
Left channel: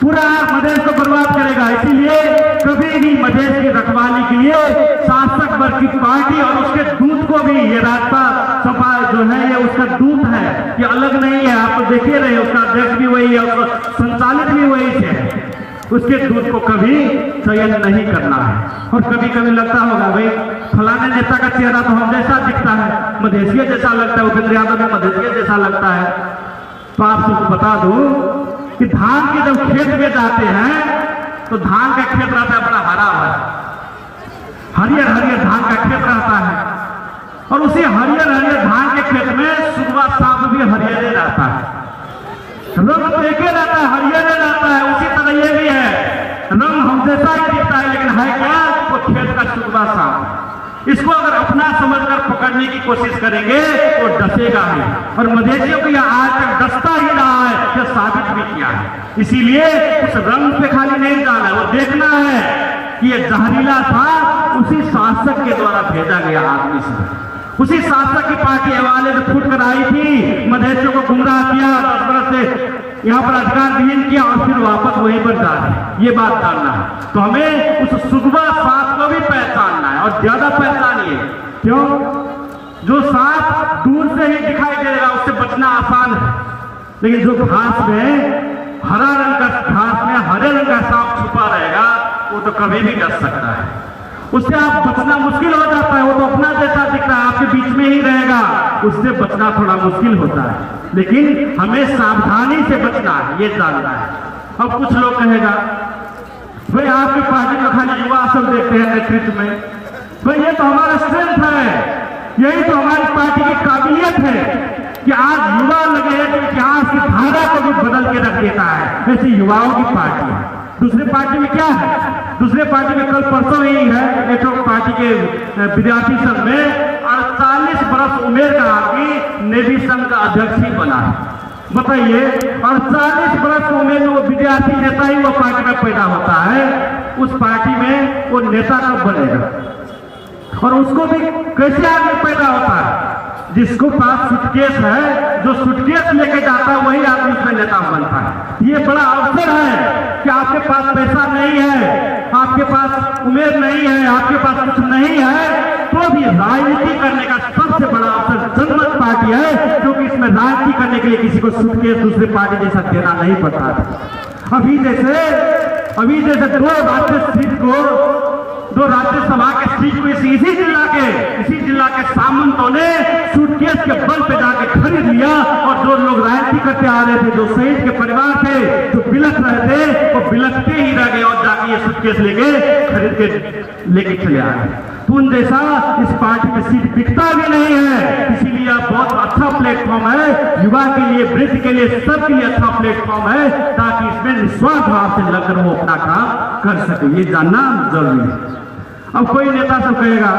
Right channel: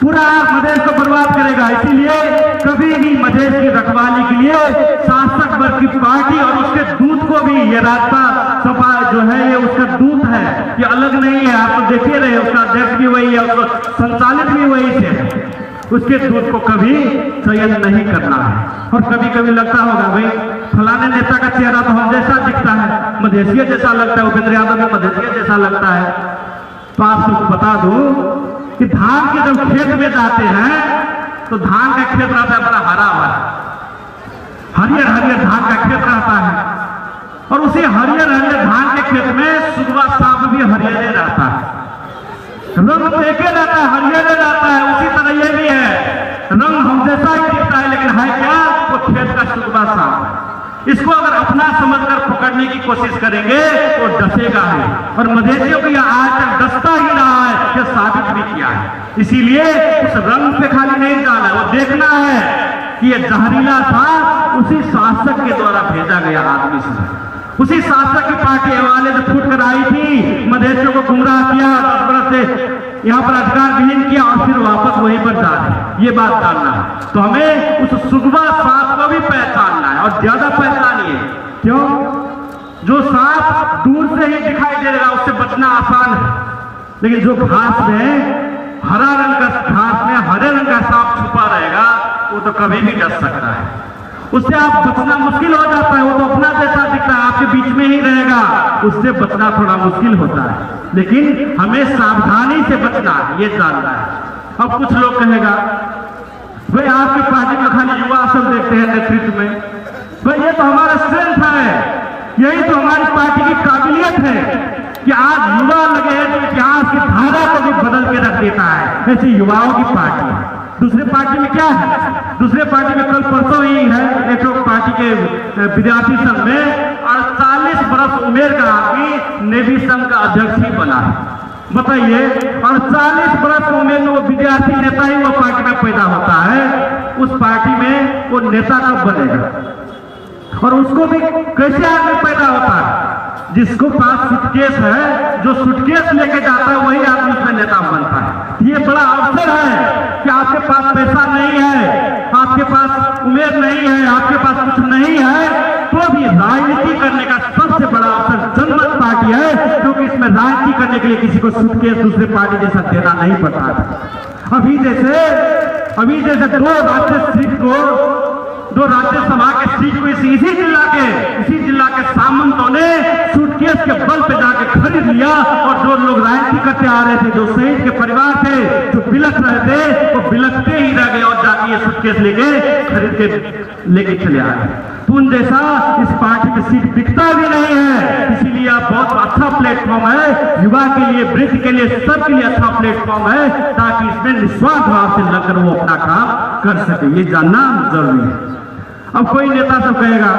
पूरा मधेश को बर्बाद करेगा। इसीलिए कभी भी मधेश की रखवाली के लिए शासक वर्ग की पार्टी और उसके दूध को भी, ये रास्ता सपा जो है, ये उसका दूध है, ये अलग नहीं है, आप तो देखे रहे, उसका अध्यक्ष भी वही है, उसका संचालित भी वही से, उसके दूध को कभी चयन नहीं करना है। और कभी कभी लगता होगा भाई फलाने नेता का चेहरा तो हम जैसा दिखता है, मधेसिया जैसा लगता है, उपेंद्र यादव में मधेसिया जैसा लगता है। तो आप सबको बता दूं कि धान के जब खेत में जाते हैं तो धान का खेत रहता है बड़ा हरा भरा, हरियर हरियर धान का खेत रहता है, और उसी हरियर हरियर धान के खेत में सुबह शाम भी हरियर रहता है, रंग तो एक रहता है, हरियर रहता है। उसी तरह ये भी है, रंग हम जैसा ही दिखता है, लेकिन है क्या? वो खेत का सुबह शाम। इसको अगर अपना समझकर पकड़ने की कोशिश करेंगे तो डसेगा ही, और मधेसियों को यह आज तक डसता ही रहा है, ये साबित भी किया है। इसीलिए उस रंग पे खाली नहीं जाना, वो देखना है कि ये जहरीला था उसी शासक के द्वारा भेजा गया आदमी से, उसी शासक की पार्टी वाले जो फूट कर आई थी, मधेसियों को गुमराह किया, 10 बरस से यहाँ पर अधिकार विहीन किया, और फिर वापस वहीं पर जा रहे। ये बात जानना है। तो हमें उस सुगवा सांप को भी पहचानना है, और ज्यादा पहचानिए। क्यों? जो सांप दूर से ही दिखाई देगा उससे बचना आसान है, लेकिन जो घास में, हरा रंग का घास में हरे रंग का सांप छुपा रहेगा, वो तो कभी भी डर सकता है, उससे आप बचना मुश्किल हो जाता है। वो तो अपना जैसा दिखता है, आपके बीच में ही रहेगा, उससे बचना थोड़ा मुश्किल होता है, लेकिन हमें सावधानी से बचना है, ये जानना है। अब कुछ लोग कहेगा भाई आपकी पार्टी में खाली युवा असल देखते हैं नेतृत्व में, भाई ये तो हमारा स्ट्रेंथ है, यही तो हमारी पार्टी की काबिलियत है कि आज युवा लगे हैं तो इतिहास के धारा को भी बदल के रख देता है। ऐसी युवाओं की पार्टी है। दूसरे पार्टी में क्या है? दूसरे पार्टी में कल परसों ही है एक पार्टी के विद्यार्थी संघ में 48 बरस उम्र का आदमी नेवी संघ का अध्यक्ष ही बना है। बताइए, 48 वर्ष उम्र में वो विद्यार्थी नेता ही वो पार्टी का पैदा होता है, उस पार्टी में वो नेता कब बनेगा? और उसको भी कैसे आदमी पैदा होता है? जिसको पास सूटकेस है, जो सूटकेस लेके जाता है वही आदमी उसमें नेता बनता है। ये बड़ा अवसर है कि आपके पास पैसा नहीं है, आपके पास उम्र नहीं है, आपके पास कुछ नहीं है, तो भी राजनीति करने का सबसे बड़ा अवसर जनमत पार्टी है, क्योंकि इसमें राजनीति करने के लिए किसी को सूटकेस दूसरी पार्टी जैसा देना नहीं पड़ता। अभी जैसे दो राज्यसभा के सीट को इसी जिला के सामंतों ने सूटकेस के बल पे जाके खरीद लिया, और जो लोग राजनीति करते आ रहे थे, जो शहीद के परिवार थे, जो बिलख रहे थे, वो बिलखते ही रह गए और जाके ये सूटकेस खरीद के लेके चले आ गए। पुन जैसा इस पार्टी की सीट बिकता भी नहीं है, इसीलिए बहुत अच्छा प्लेटफॉर्म है युवा के लिए, वृद्ध के लिए, सबके लिए अच्छा प्लेटफॉर्म है, ताकि इसमें निस्वार्थ भाव से लगकर वो अपना काम कर सके। ये जानना जरूरी है। अब कोई नेता सब कहेगा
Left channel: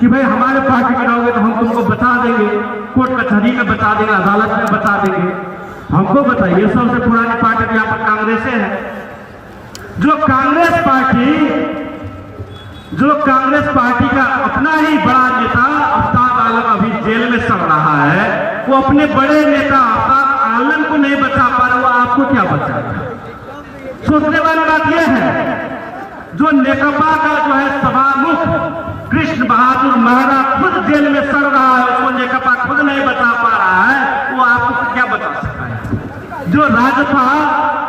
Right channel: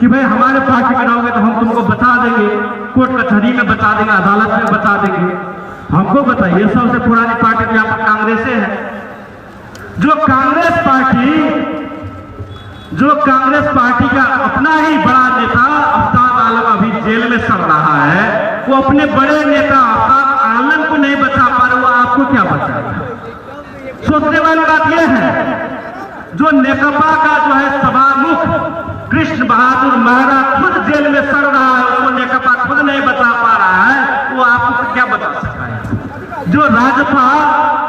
कि भाई हमारे पार्टी में रहोगे तो हम तुमको बता देंगे, कोर्ट कचहरी में बता देंगे, अदालत में बता देंगे। हमको बताइए, सबसे पुरानी पार्टी यहाँ पर कांग्रेस है। जो कांग्रेस पार्टी का अपना ही बड़ा नेता आफ्ताब आलम अभी जेल में सड़ रहा है, वो अपने बड़े नेता आफ्ताब आलम को नहीं बचा पा रहे, वो आपको क्या बचाएगा? सोचने वाली बात यह है, जो नेकपा का जो है सभामुख कृष्ण बहादुर महरा खुद जेल में सड़ रहा है, वो नेकपा खुद नहीं बचा पा रहा है, वो आपको क्या बता सकता है? जो राजपा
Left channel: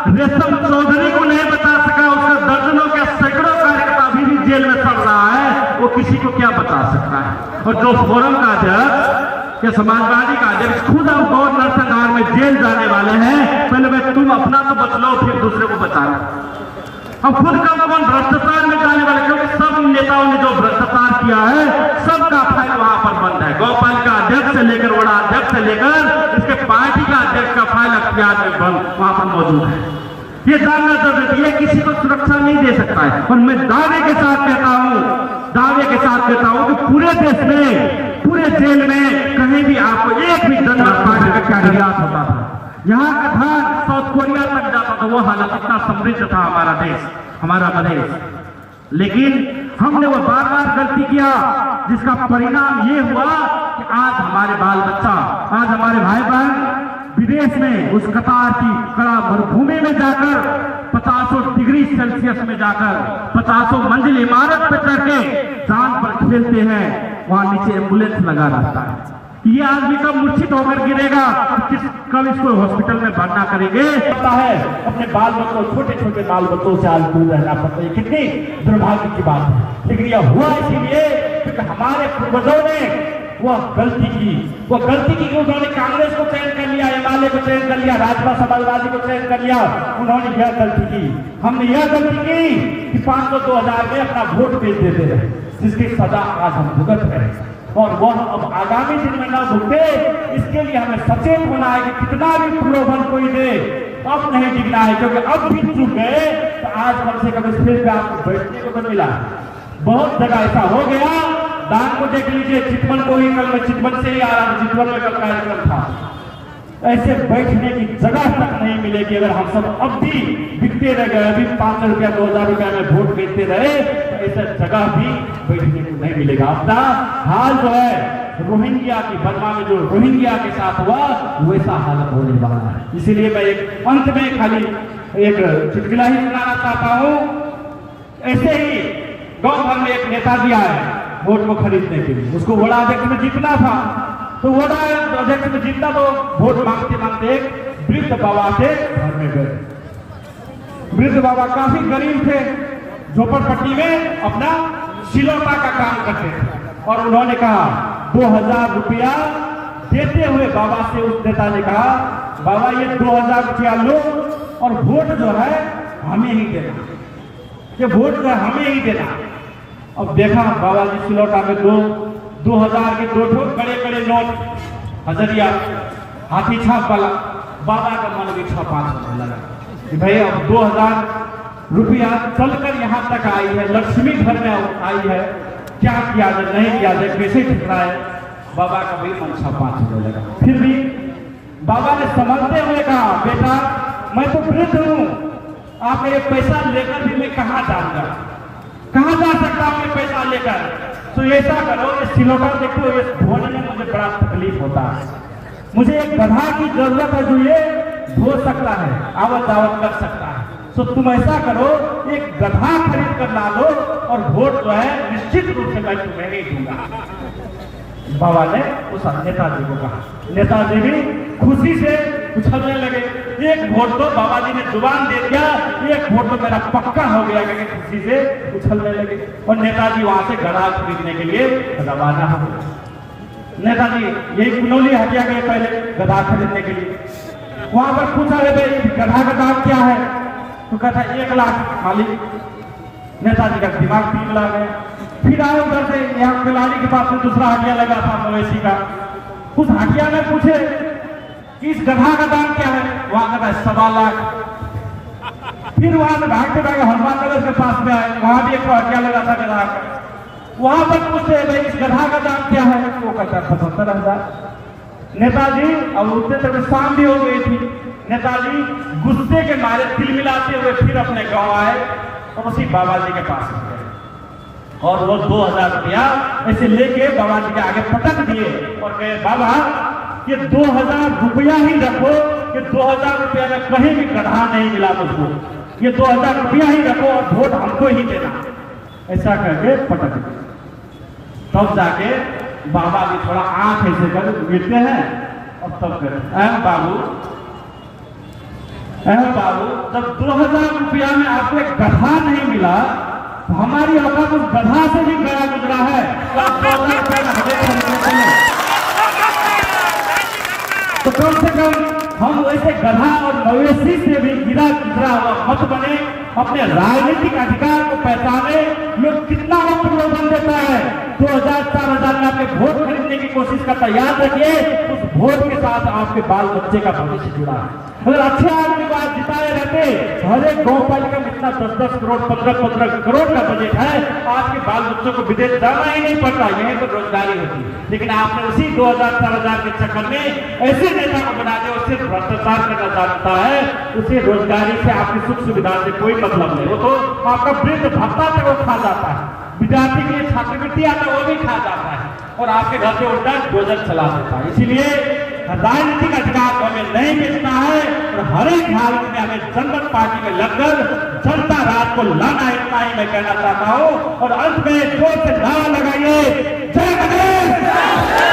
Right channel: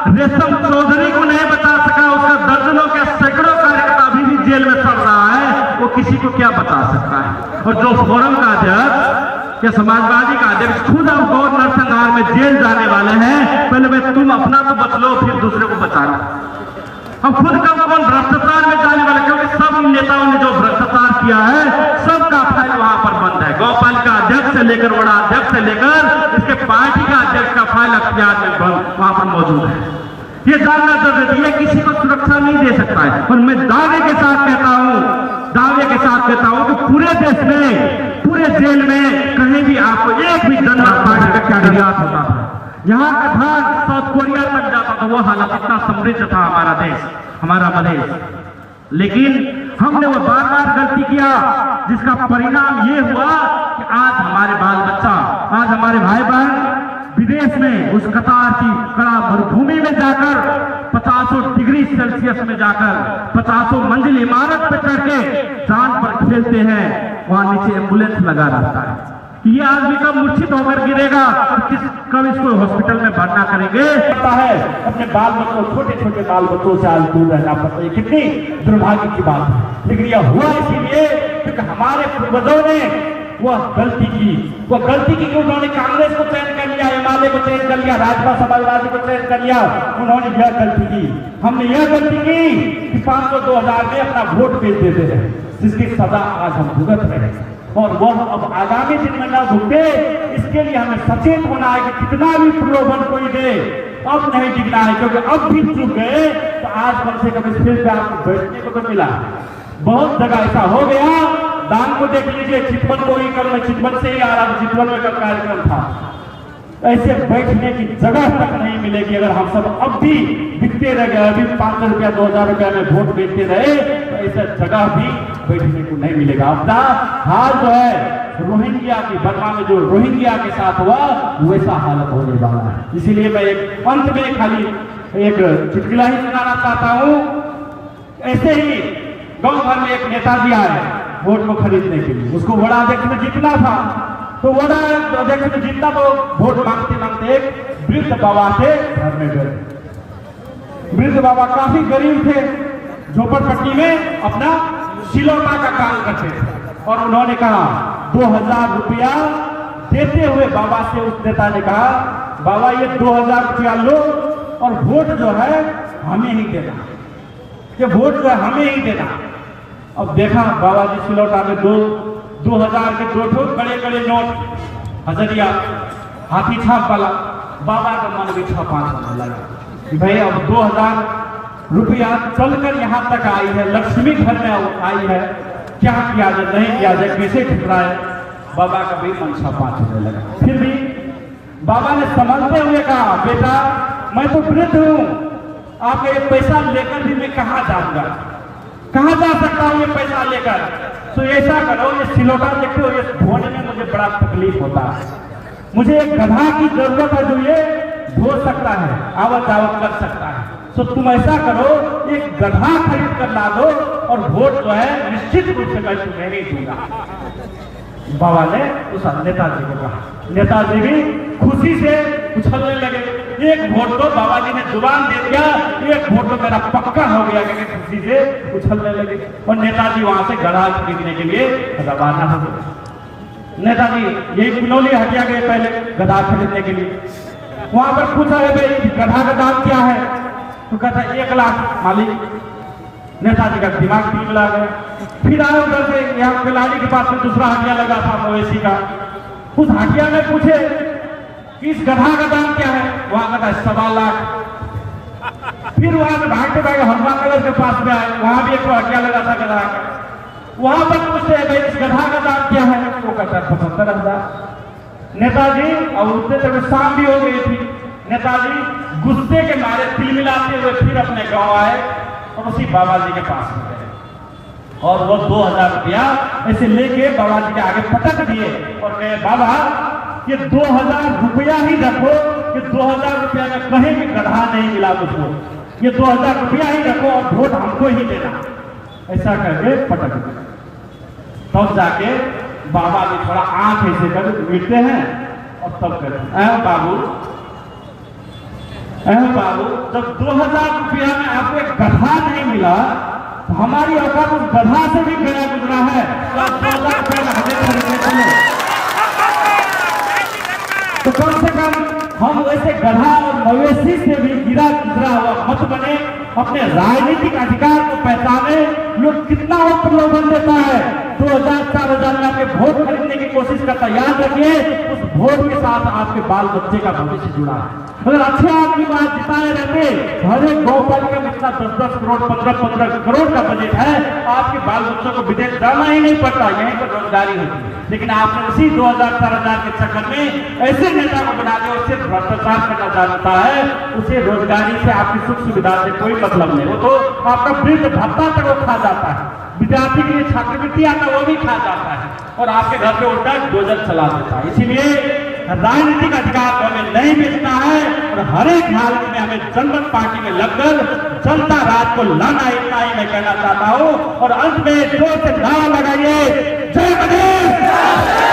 रेशम चौधरी को नहीं बचा सका, उसका दर्जनों के सैकड़ों कार्यकर्ता अभी भी जेल में सड़ रहा है, वो किसी को क्या बता सकता है? और जो फोरम का अध्यक्ष या समाजवादी का अध्यक्ष खुद अब गवर्नर संघार में जेल जाने वाले हैं, पहले भाई तुम अपना तो बच लो, फिर दूसरे को बताना। हम खुद कौन भ्रष्टाचार में जाने वाले, क्योंकि सब नेताओं ने जो भ्रष्टाचार किया है सबका फाइल वहां पर बंद है। गौपालिका अध्यक्ष से लेकर वड़ा अध्यक्ष से लेकर इसके पार्टी का अध्यक्ष का फाइल अख्तियार में बंद वहां पर मौजूद है। ये जानना जरूरी है, किसी को सुरक्षा नहीं दे सकता है। और मैं दावे के साथ कहता हूं कि पूरे देश में, पूरे जेल में कहीं भी आपको एक भी जनता पार्टी का कैंडिडेट होता है, यहाँ का था साउथ कोरिया तक जाता था, वो हालत इतना समृद्ध था हमारा देश, हमारा प्रदेश। लेकिन हमने वो बार बार गलती किया, जिसका परिणाम ये हुआ कि आज हमारे बाल बच्चा, आज हमारे भाई बहन विदेश में उस कतार की कड़ा मरुभूमि में जाकर 50 डिग्री सेल्सियस में जाकर 50 मंजिल इमारत पर चढ़ के जान पर खेलते हैं, वहां नीचे एम्बुलेंस लगा रहता है। ये आदमी कब मूर्छित होकर गिरेगा, कब इसको हॉस्पिटल में भर्ना करेंगे? पता है अपने बाल बच्चों, छोटे छोटे बाल बच्चों से आज दूर रहना पड़ता है, कितनी दुर्भाग्य की बात है। लेकिन यह हुआ इसीलिए क्योंकि हमारे पूर्वजों ने वह गलती की उन्होंने कांग्रेस को चयन कर लिया, एमआलए को चयन कर लिया, राजपा समाजवादी को चयन कर लिया, उन्होंने यह गलती की। हमने यह गलती की कि 500-2000 में अपना वोट बेच देते रहे, जिसकी सजा आज हम भुगत रहे हैं। और वह अब आगामी दिन में न भुगते, इसके लिए हमें सचेत होना है कि कितना भी प्रलोभन कोई दे, अब नहीं टिकना है, क्योंकि अब भी चुप गए तो आज कम से कम इस फील्ड पे आपको बैठने को तो मिला। बहुत जगह ऐसा हो गया, दान को देख लीजिए, चितवन को ही कल, चितवन से ही आ रहा था, चितवन में कल कार्यक्रम था। ऐसे बैठने की जगह तक नहीं मिलेगी अगर हम सब अब भी बिकते रह गए, अभी 500 रुपया 2000 रुपया में वोट बेचते रहे, तो ऐसा जगह भी बैठने को नहीं मिलेगा। अपना हाल जो है रोहिंग्या की बर्मा में जो रोहिंग्या के साथ हुआ, वैसा हालत होने वाला है। इसीलिए मैं एक अंत में खाली एक चुटकुला ही सुनाना चाहता हूँ। ऐसे ही गांव भर में एक नेता दिया है वोट को खरीदने के लिए, उसको वड़ा अध्यक्ष में जीतना था, तो वड़ा अध्यक्ष में जीतना तो वोट मांगते मांगते एक वृद्ध बाबा के घर में गए। वृद्ध बाबा काफी गरीब थे, झोपड़पट्टी में अपना सिलौटा का काम करते थे, और उन्होंने कहा 2000 रुपया देते हुए बाबा से उस नेता ने कहा, बाबा ये 2000 रुपया लो और वोट जो है हमें ही देना, ये वोट जो है हमें ही देना। अब देखा बाबा जी सिलौटा में 2000 के 2 बड़े बड़े नोट, हजरिया, हाथी छाप वाला। बाबा का मन भी 5 लगा कि भाई अब 2000 रुपया चलकर यहाँ तक आई है, लक्ष्मी घर में आई है, क्या किया जाए, नहीं किया जाए, कैसे ठुकराए। बाबा का भी मन छापात होने लगा। फिर भी बाबा ने संभलते हुए कहा, बेटा मैं तो वृद्ध हूँ, आपका ये पैसा लेकर भी मैं कहाँ जाऊंगा, कहाँ जा सकता हूँ ये पैसा लेकर। तो ऐसा करो, ये सिलौटा देखते हो, ये धोने में मुझे बड़ा तकलीफ होता है, मुझे एक गधा की जरूरत है जो ये धो सकता है, आवत जावत कर सकता है। तो तुम ऐसा करो, एक गधा खरीद कर ला दो और वोट जो है निश्चित रूप से मैं तुम्हें नहीं दूंगा। बाबा ने उस नेताजी को कहा। नेताजी भी खुशी से उछलने लगे। एक वोट तो बाबा जी ने जुबान दे दिया, एक वोट तो मेरा पक्का हो गया, कि खुशी से उछलने लगे। और नेताजी वहां से गधा खरीदने के लिए रवाना हो गए। नेताजी यही कुनौली हटिया गए पहले गधा खरीदने के लिए। वहां पर पूछा गया गधा का दाम क्या है, तो कहता 1 लाख मालिक। नेताजी का दिमाग ठीक लग गया। फिर आए उधर से, यहाँ खिलाड़ी के पास में दूसरा हटिया लगा था मवेशी का, उस हटिया में पूछे कि इस गधा का दाम क्या है, वहां कहता है 1.25 लाख। फिर वहां से भागते भागे हनुमान नगर के पास में आए, वहां भी एक हटिया लगा था गधा का, वहां पर पूछते भाई इस गधा का दाम क्या है, वो कहता है 75,000। नेताजी और उतने तक शाम भी हो गई थी। नेताजी गुस्से के मारे तिलमिलाते हुए फिर अपने गांव आए और उसी बाबा जी के पास गए और वो 2,000 रुपया ऐसे लेके बाबा जी के आगे पटक दिए और कहे, बाबा ये 2,000 रुपया ही रखो, ये 2,000 रुपया में कहीं भी गधा नहीं मिला मुझको, ये 2,000 रुपया ही रखो और वोट हमको ही देना। ऐसा करके पटक दिए। तब जाके बाबा जी थोड़ा आंख ऐसे कर गिरते हैं और तब कहते, बाबू जब 2,000 रुपया में आपको एक गधा नहीं मिला तो हमारी औकात उस गधा से भी गया गुजरा है। तो कम से कम हम वैसे गधा और मवेशी से भी गिरा गुजरा हुआ मत बने, अपने राजनीतिक अधिकार को पहचाने। लोग कितना और प्रलोभन देता है, 2,000-4,000 में आपके वोट खरीदने की कोशिश करता है। याद रखिए उस वोट के साथ आपके बाल बच्चे का भविष्य जुड़ा है। अगर अच्छे आदमी को आज जिताए रहते, हर एक गौपालिका में इतना 10-10 करोड़ 15-15 करोड़ का बजट है, आपके बाल बच्चों को विदेश जाना ही नहीं पड़ता, यहीं पर रोजगारी होती है। लेकिन आपने उसी 2,000-4,000 के चक्कर में ऐसे नेता को बना दिया, उससे भ्रष्टाचार करना जानता है, उसे रोजगारी से आपकी सुख सुविधा से कोई मतलब नहीं। वो तो आपका वृद्ध भत्ता तक वो खा जाता है, विद्यार्थी के लिए छात्रवृत्ति आता है वो भी खा जाता है, और आपके घर पे उल्टा भोजन चला देता है। इसीलिए राजनीतिक अधिकार हमें नहीं मिलता है और हर एक हालत में हमें जनता पार्टी में लगकर जनता राज को लाना, इतना ही मैं कहना चाहता हूँ। और अंत में जोर से नारा लगाइए, जय गणेश।